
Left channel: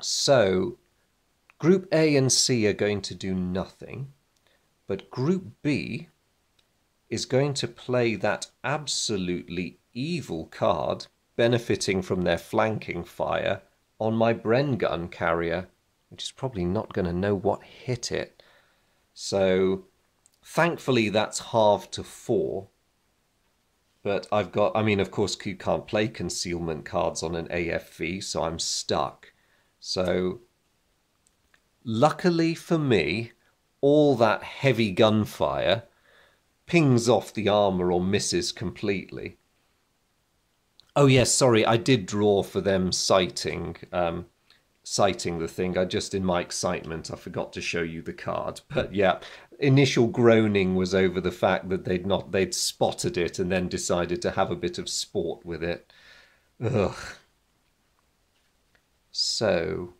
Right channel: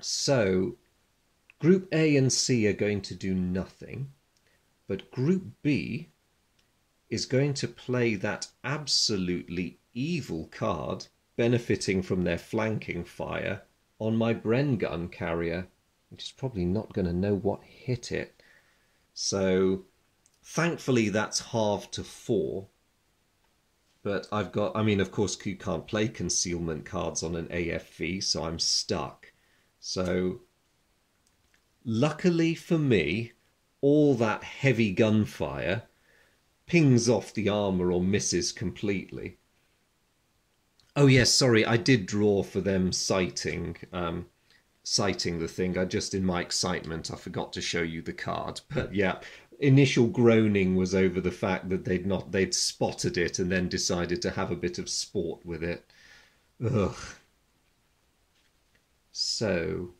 So, Group A and C are going to do nothing, but Group B is going to play that absolutely evil card, benefiting from their flanking fire, on my Bren gun carrier, which is probably not going to know what hit it. So, thankfully that's halved to 4. But I've got, I mean, of course, you can't play concealment cards on an AFV, so I'm stuck. So, luckily for me, all that heavy gunfire pings off the armour or misses completely. Oh yes, sorry, I did draw for them sighting the thing. I just, in my excitement, I forgot to show you the card. But yeah, initial groaning was over the fact that they'd spotted it and then decided to have a bit of sport with it. Ugh. So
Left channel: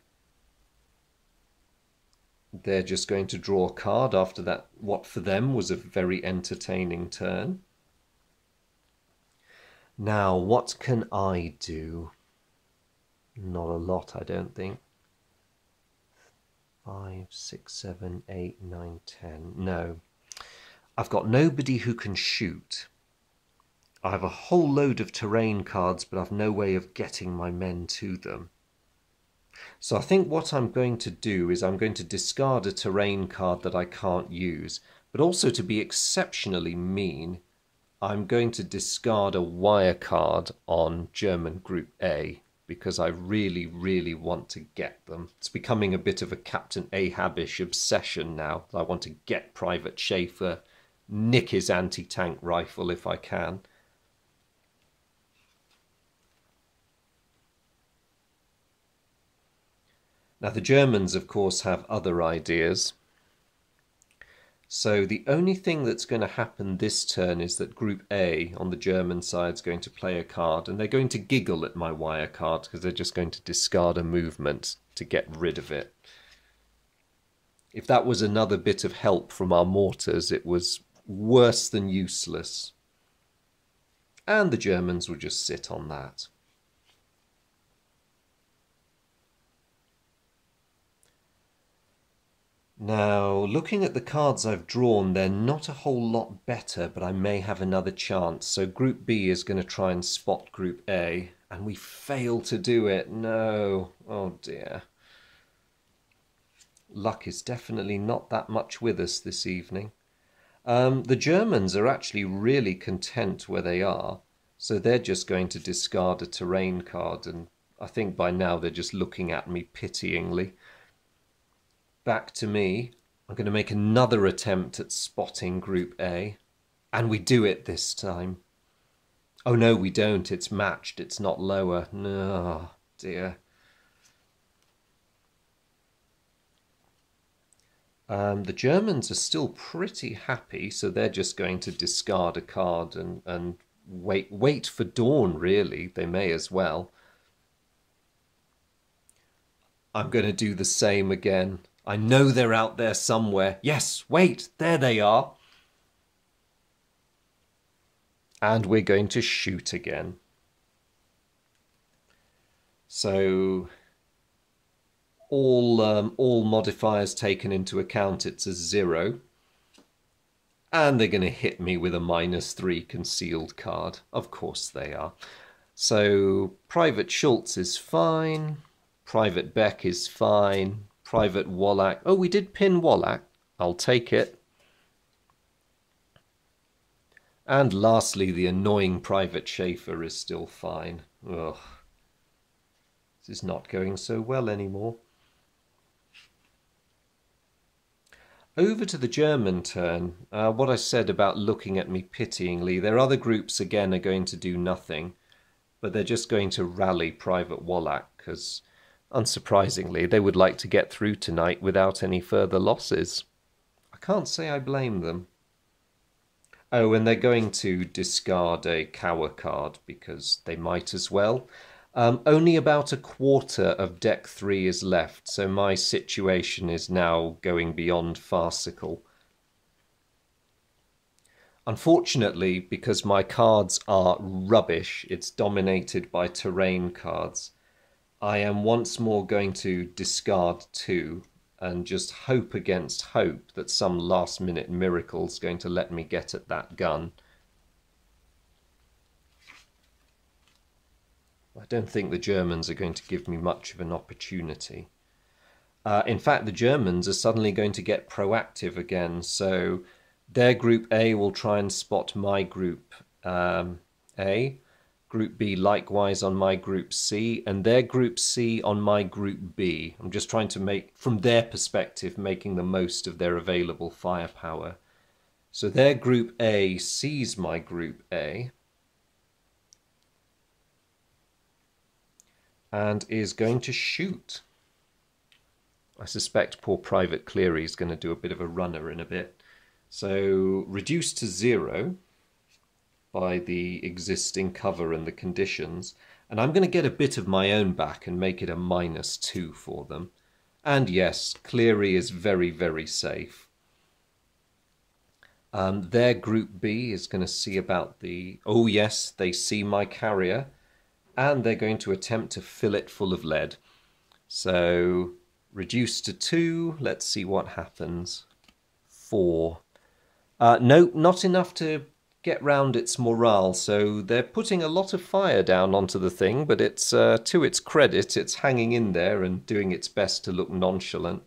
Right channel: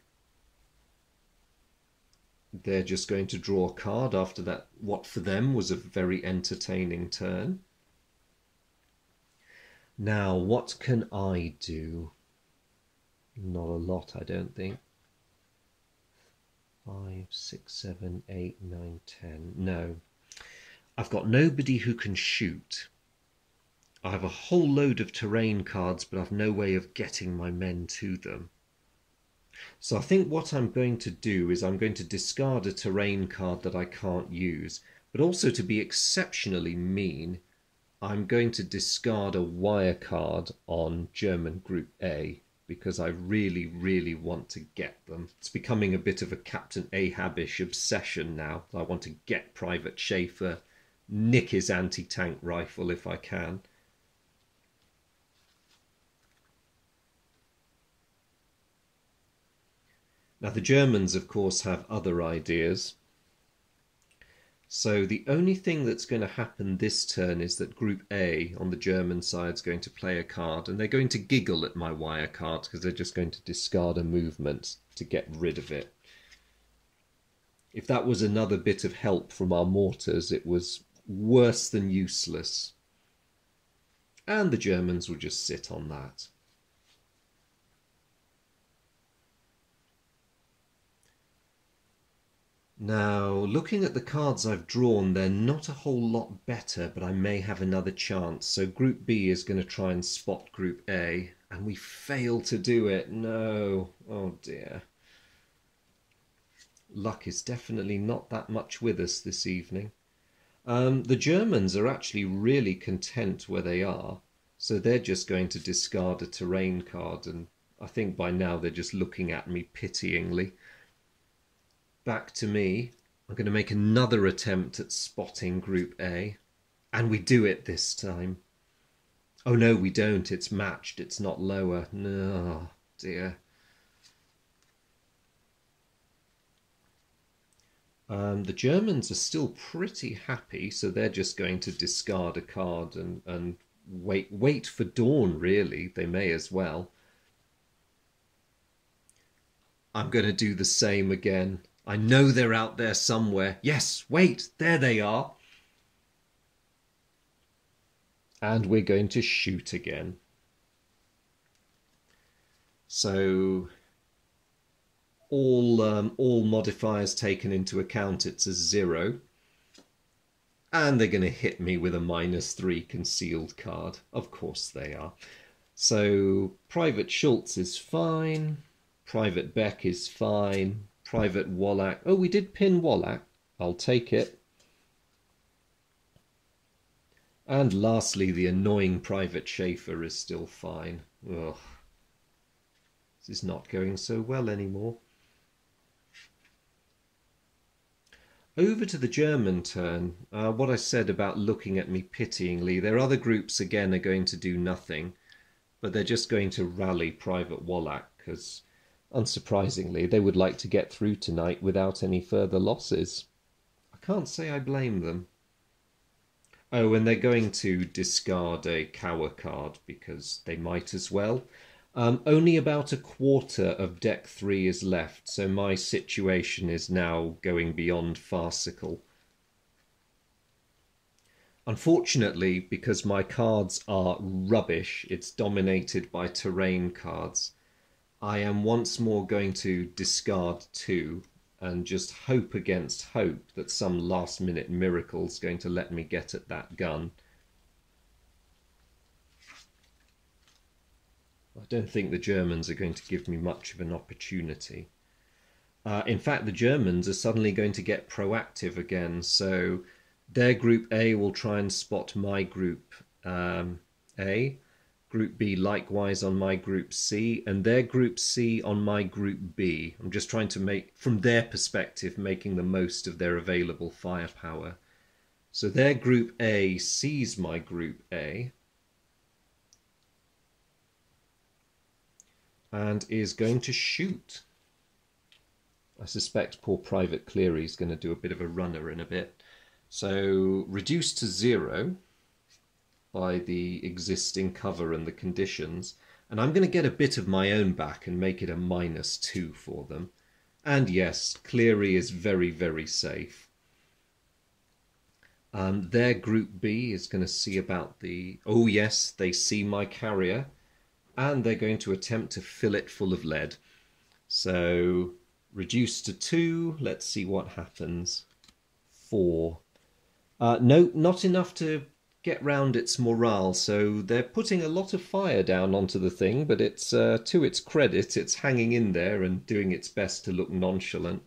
they're just going to draw a card after that, what for them was a very entertaining turn. Now, what can I do? Not a lot, I don't think. 5, 6, 7, 8, 9, 10. No. I've got nobody who can shoot. I have a whole load of terrain cards, but I've no way of getting my men to them. So I think what I'm going to do is I'm going to discard a terrain card that I can't use, but also to be exceptionally mean, I'm going to discard a wire card on German Group A because I really, really want to get them. It's becoming a bit of a Captain Ahab-ish obsession now. I want to get Private Schaefer, nick his anti-tank rifle if I can. Now the Germans, of course, have other ideas. So the only thing that's going to happen this turn is that Group A on the German side is going to play a card, and they're going to giggle at my wire card because they're just going to discard a movement to get rid of it. If that was another bit of help from our mortars, it was worse than useless. and the Germans will just sit on that. Now, looking at the cards I've drawn, they're not a whole lot better, but I may have another chance. So Group B is going to try and spot Group A, and we fail to do it. No. Oh dear. Luck is definitely not that much with us this evening. The Germans are actually really content where they are, so they're just going to discard a terrain card, and I think by now they're just looking at me pityingly. Back to me. I'm going to make another attempt at spotting Group A, and we do it this time. Oh no, we don't. It's matched. It's not lower. No, dear. The Germans are still pretty happy, so they're just going to discard a card and wait for dawn, really. They may as well. I'm going to do the same again. I know they're out there somewhere. Yes, wait, there they are. And we're going to shoot again. So all modifiers taken into account, it's a 0. And they're going to hit me with a -3 concealed card. Of course they are. So Private Schultz is fine. Private Beck is fine. Private Wallach. Oh, we did pin Wallach. I'll take it. And lastly, the annoying Private Schaefer is still fine. Ugh. This is not going so well anymore. Over to the German turn. What I said about looking at me pityingly, their other groups again are going to do nothing, but they're just going to rally Private Wallach because, unsurprisingly, they would like to get through tonight without any further losses. I can't say I blame them. Oh, and they're going to discard a Cower card because they might as well. Only about a quarter of deck 3 is left, so my situation is now going beyond farcical. Unfortunately, because my cards are rubbish, it's dominated by terrain cards, I am once more going to discard 2 and just hope against hope that some last-minute miracle is going to let me get at that gun. I don't think the Germans are going to give me much of an opportunity. In fact, the Germans are suddenly going to get proactive again, so their Group A will try and spot my Group A, Group B likewise on my Group C, and their Group C on my Group B. I'm just trying to make, from their perspective, making the most of their available firepower. So their Group A sees my Group A and is going to shoot. I suspect poor Private Cleary is going to do a bit of a runner in a bit. So reduced to 0 by the existing cover and the conditions, and I'm going to get a bit of my own back and make it a -2 for them. And yes, Cleary is very, very safe. Their Group B is going to see about the... Oh yes, they see my carrier, and they're going to attempt to fill it full of lead. So reduced to 2, let's see what happens. 4. No, not enough to get round its morale, so they're putting a lot of fire down onto the thing, but it's to its credit, it's hanging in there and doing its best to look nonchalant.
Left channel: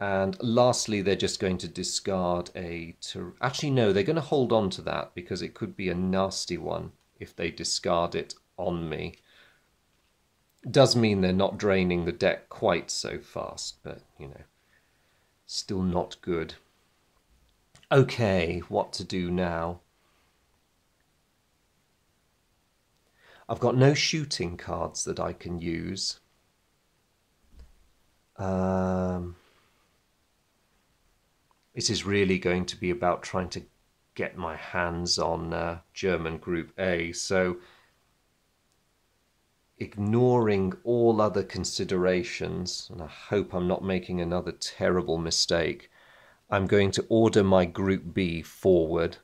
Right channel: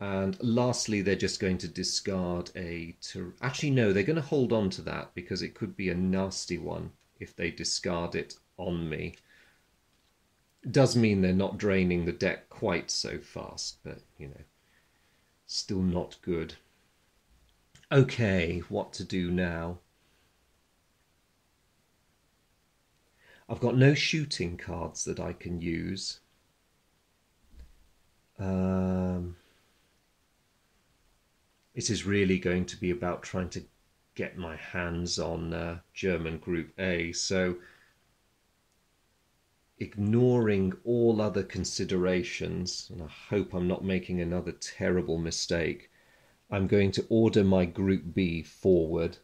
And lastly, they're just going to discard a... Actually, no, they're going to hold on to that because it could be a nasty one if they discard it on me. Does mean they're not draining the deck quite so fast, but, you know, still not good. Okay, what to do now? I've got no shooting cards that I can use. It is really going to be about trying to get my hands on German Group A, so ignoring all other considerations, and I hope I'm not making another terrible mistake, I'm going to order my Group B forward.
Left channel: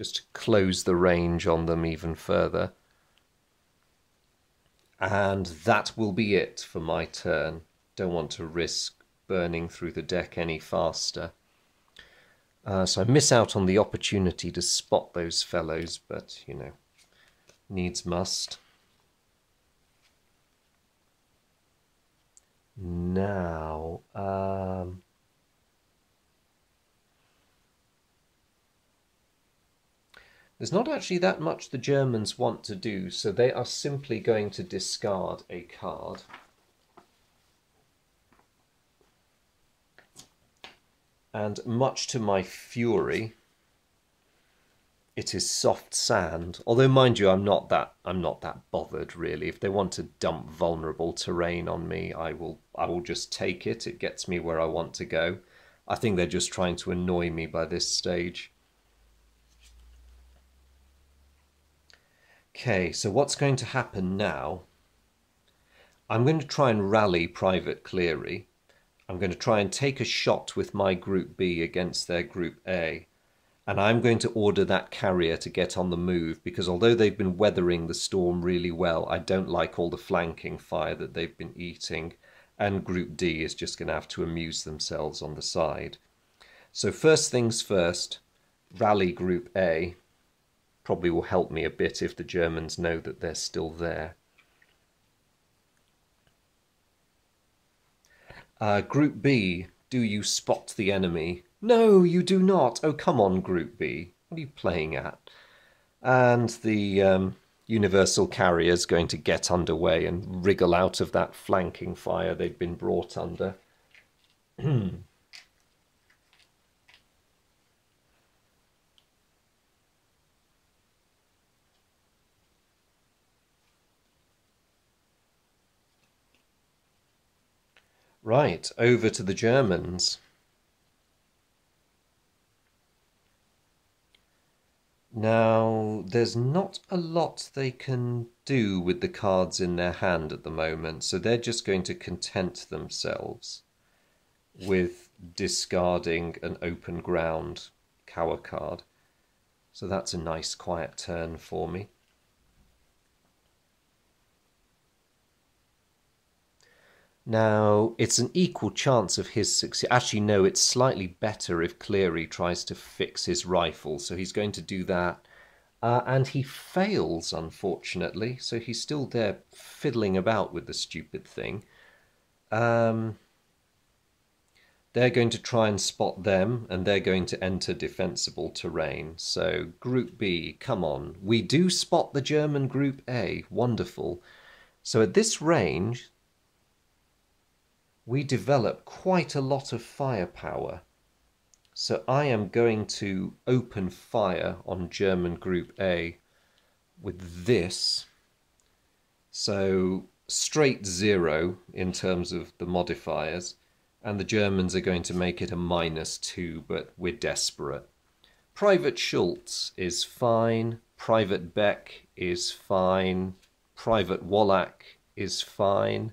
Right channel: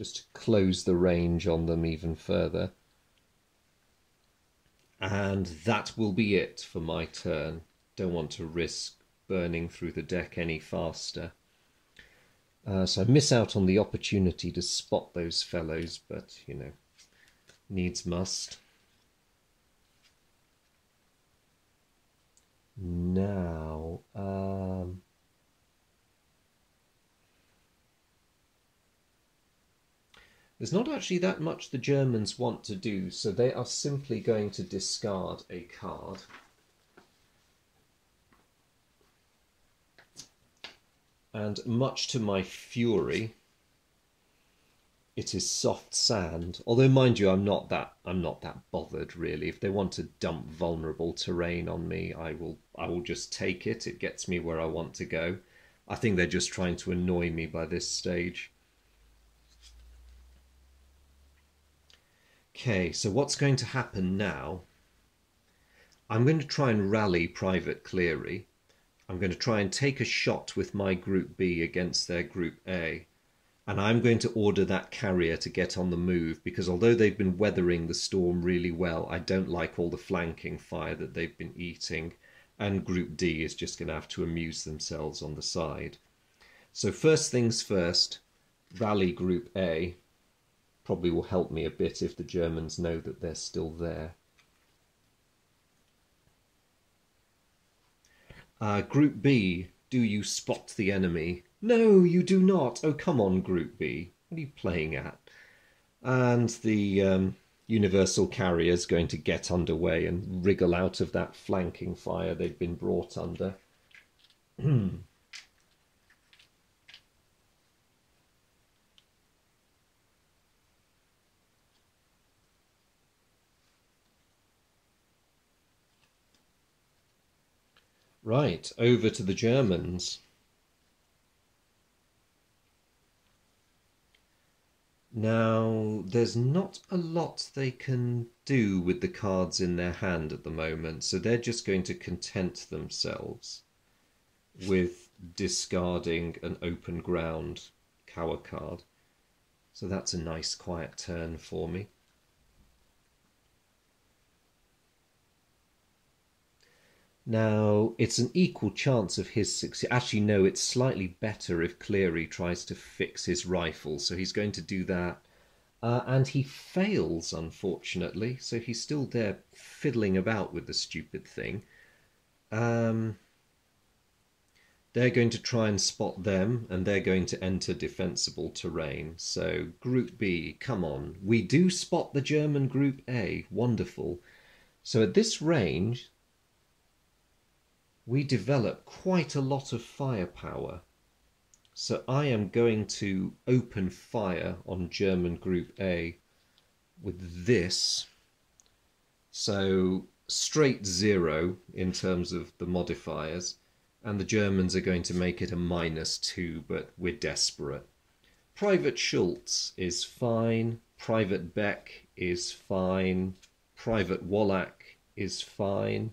just to close the range on them even further. And that will be it for my turn. Don't want to risk burning through the deck any faster. So I miss out on the opportunity to spot those fellows, but, you know, needs must. Now, there's not actually that much the Germans want to do, so they are simply going to discard a card. And much to my fury, it is soft sand. Although, mind you, I'm not that bothered really. If they want to dump vulnerable terrain on me, I will just take it. It gets me where I want to go. I think they're just trying to annoy me by this stage. Okay, so what's going to happen now? I'm going to try and rally Private Cleary. I'm going to try and take a shot with my Group B against their Group A. And I'm going to order that carrier to get on the move, because although they've been weathering the storm really well, I don't like all the flanking fire that they've been eating. And Group D is just going to have to amuse themselves on the side. So first things first, rally Group A. Probably will help me a bit if the Germans know that they're still there. Group B, do you spot the enemy? No, you do not. Oh, come on, Group B. What are you playing at? And the Universal Carrier is going to get underway and wriggle out of that flanking fire they've been brought under. Right, over to the Germans. Now, there's not a lot they can do with the cards in their hand at the moment, so they're just going to content themselves with discarding an open ground cower card. So that's a nice quiet turn for me. Now, it's an equal chance of his success. Actually, no, it's slightly better if Cleary tries to fix his rifle. So he's going to do that. And he fails, unfortunately. So he's still there fiddling about with the stupid thing. They're going to try and spot them, and they're going to enter defensible terrain. So Group B, come on. We do spot the German Group A. Wonderful. So at this range, we develop quite a lot of firepower. So I am going to open fire on German Group A with this. So straight 0 in terms of the modifiers. And the Germans are going to make it a -2, but we're desperate. Private Schultz is fine. Private Beck is fine. Private Wallach is fine.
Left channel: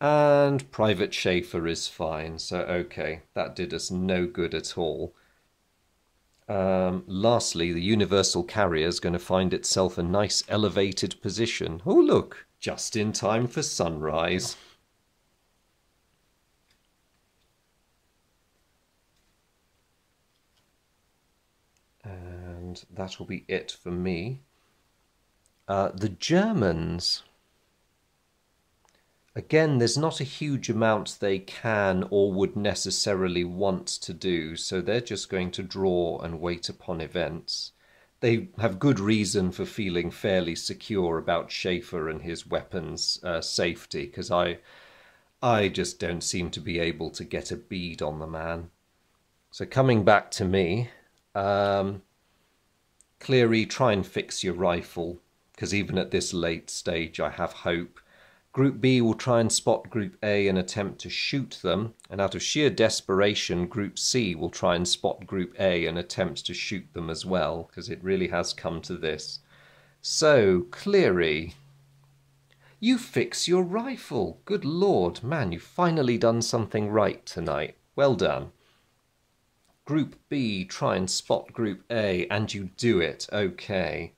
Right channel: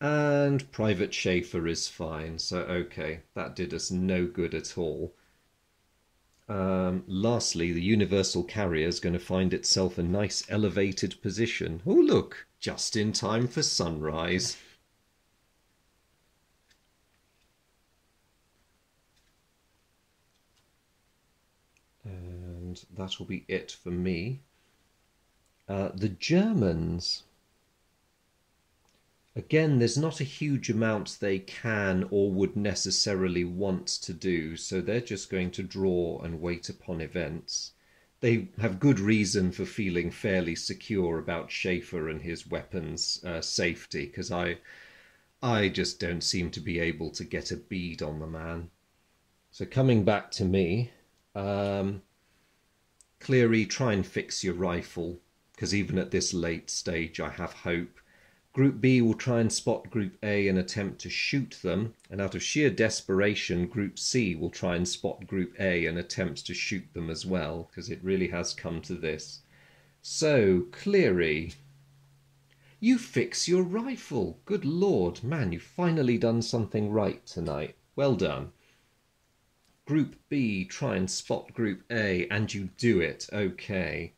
And Private Schaefer is fine. So, okay, that did us no good at all. Lastly, the Universal Carrier is going to find itself a nice elevated position. Oh, look, just in time for sunrise. And that will be it for me. The Germans, again, there's not a huge amount they can or would necessarily want to do, so they're just going to draw and wait upon events. They have good reason for feeling fairly secure about Schaefer and his weapons safety, because I just don't seem to be able to get a bead on the man. So coming back to me, Cleary, try and fix your rifle, because even at this late stage I have hope. Group B will try and spot Group A and attempt to shoot them, and out of sheer desperation, Group C will try and spot Group A and attempt to shoot them as well, because it really has come to this. So, Cleary, you fix your rifle. Good Lord, man, you've finally done something right tonight. Well done. Group B, try and spot Group A, and you do it. Okay.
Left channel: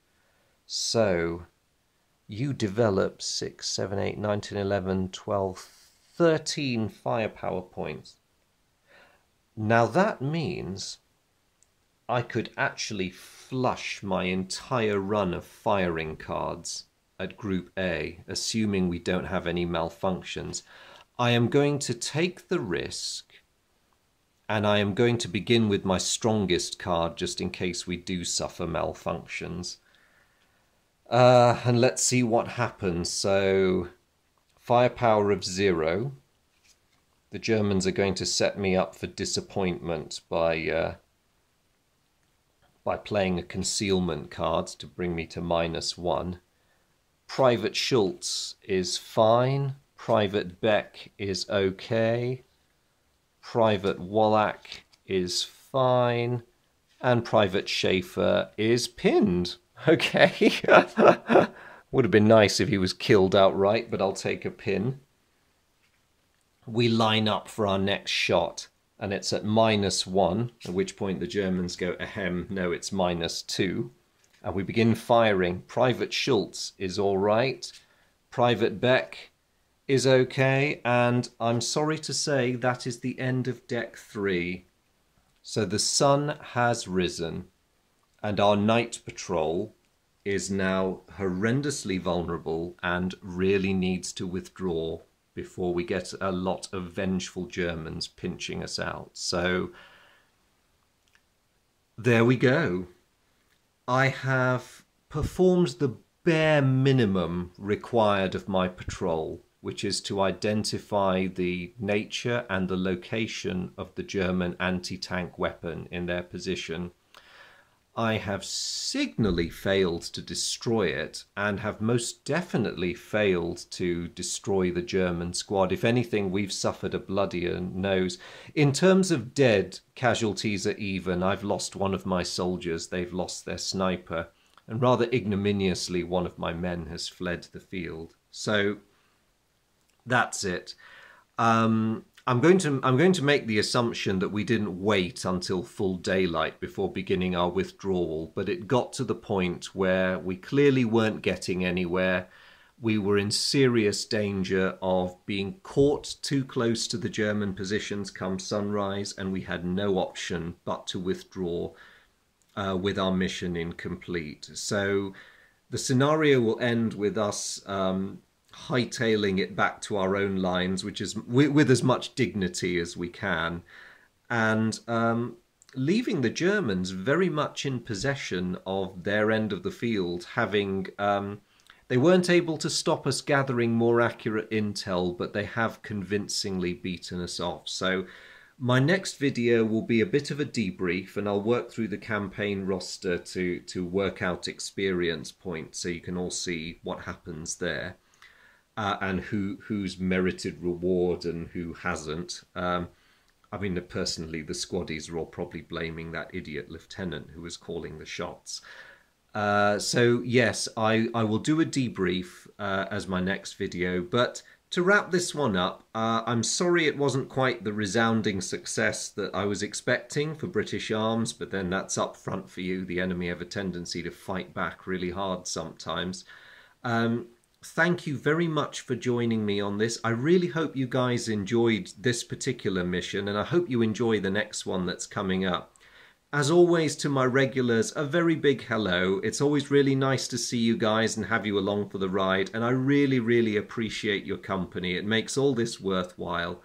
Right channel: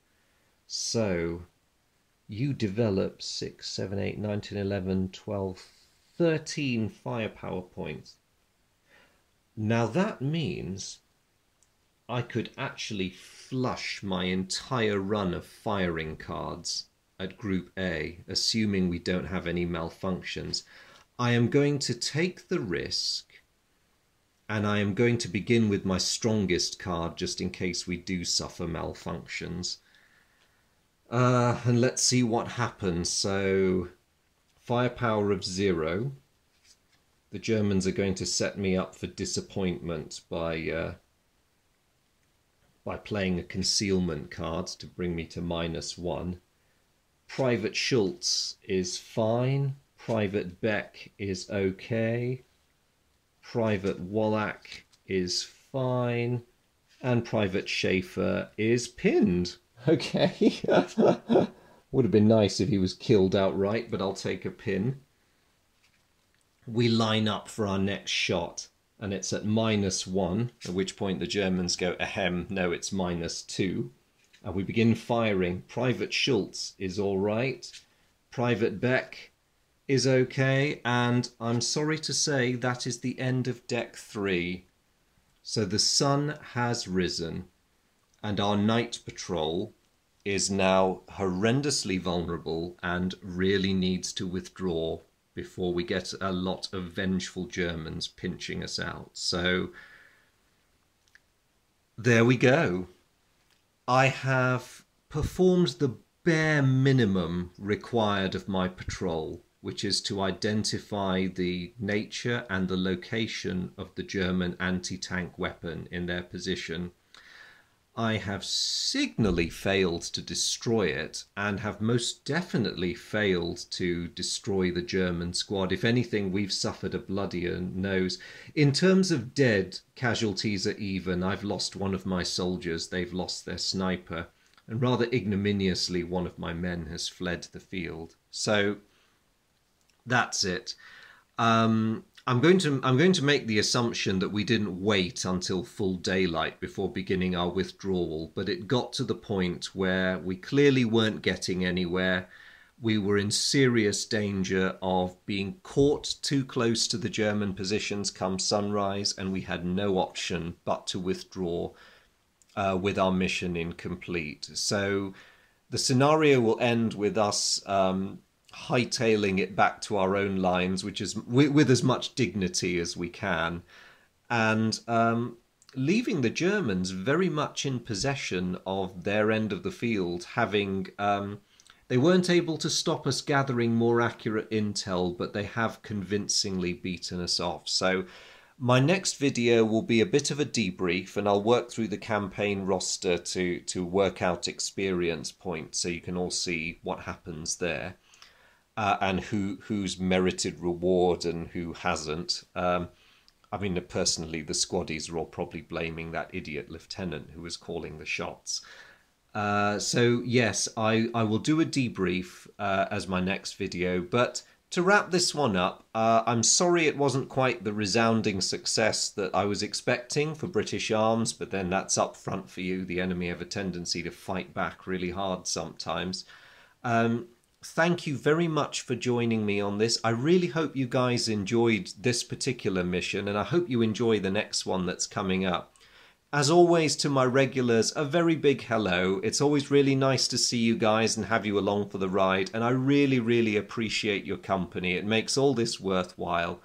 So you develop 6, 7, 8, 9, 10, 11, 12, 13 firepower points. Now that means I could actually flush my entire run of firing cards at Group A, assuming we don't have any malfunctions. I am going to take the risk, and I am going to begin with my strongest card just in case we do suffer malfunctions. And let's see what happens. So, firepower of 0. The Germans are going to set me up for disappointment by playing a concealment card to bring me to -1. Private Schultz is fine. Private Beck is okay. Private Wallach is fine. And Private Schaefer is pinned. Okay. Would have been nice if he was killed outright, but I'll take a pin. We line up for our next shot, and it's at -1, at which point the Germans go, ahem, no, it's -2. And we begin firing. Private Schultz is all right. Private Beck is okay. And I'm sorry to say that is the end of deck 3. So the sun has risen, and our night patrol is now horrendously vulnerable and really needs to withdraw before we get a lot of vengeful Germans pinching us out. So there we go. I have performed the bare minimum required of my patrol, which is to identify the nature and the location of the German anti-tank weapon in their position. I have signally failed to destroy it, and have most definitely failed to destroy the German squad. If anything, we've suffered a bloodier nose. In terms of dead, casualties are even. I've lost one of my soldiers, they've lost their sniper, and rather ignominiously one of my men has fled the field. So that's it. I'm going to make the assumption that we didn't wait until full daylight before beginning our withdrawal, but it got to the point where we clearly weren't getting anywhere. We were in serious danger of being caught too close to the German positions come sunrise, and we had no option but to withdraw with our mission incomplete. So the scenario will end with us hightailing it back to our own lines, which is with as much dignity as we can, and leaving the Germans very much in possession of their end of the field, having they weren't able to stop us gathering more accurate intel, but they have convincingly beaten us off. So my next video will be a bit of a debrief, and I'll work through the campaign roster to work out experience points so you can all see what happens there. And who's merited reward and who hasn't. I mean, personally, the squaddies are all probably blaming that idiot lieutenant who was calling the shots. So yes, I will do a debrief as my next video. But to wrap this one up, I'm sorry it wasn't quite the resounding success that I was expecting for British arms, but then that's up front for you. The enemy have a tendency to fight back really hard sometimes. Thank you very much for joining me on this. I really hope you guys enjoyed this particular mission, and I hope you enjoy the next one that's coming up. As always, to my regulars, a very big hello. It's always really nice to see you guys and have you along for the ride, and I really, really appreciate your company. It makes all this worthwhile.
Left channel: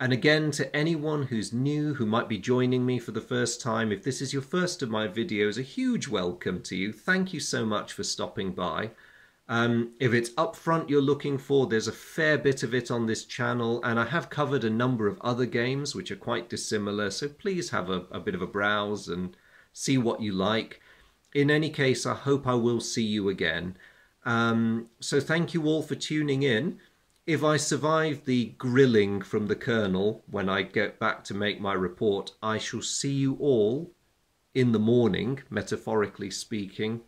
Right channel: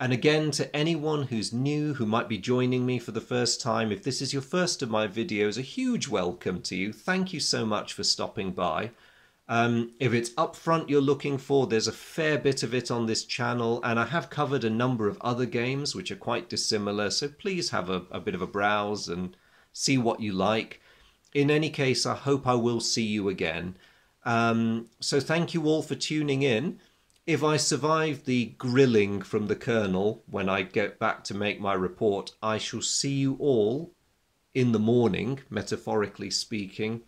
And again, to anyone who's new, who might be joining me for the first time, if this is your first of my videos, a huge welcome to you. Thank you so much for stopping by. If it's upfront you're looking for, there's a fair bit of it on this channel, and I have covered a number of other games which are quite dissimilar, so please have a bit of a browse and see what you like. In any case, I hope I will see you again. So thank you all for tuning in. If I survive the grilling from the Colonel when I get back to make my report, I shall see you all in the morning, metaphorically speaking,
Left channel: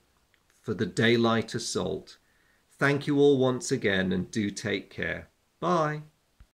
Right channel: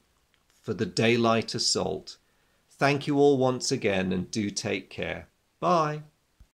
for the daylight assault. Thank you all once again, and do take care. Bye.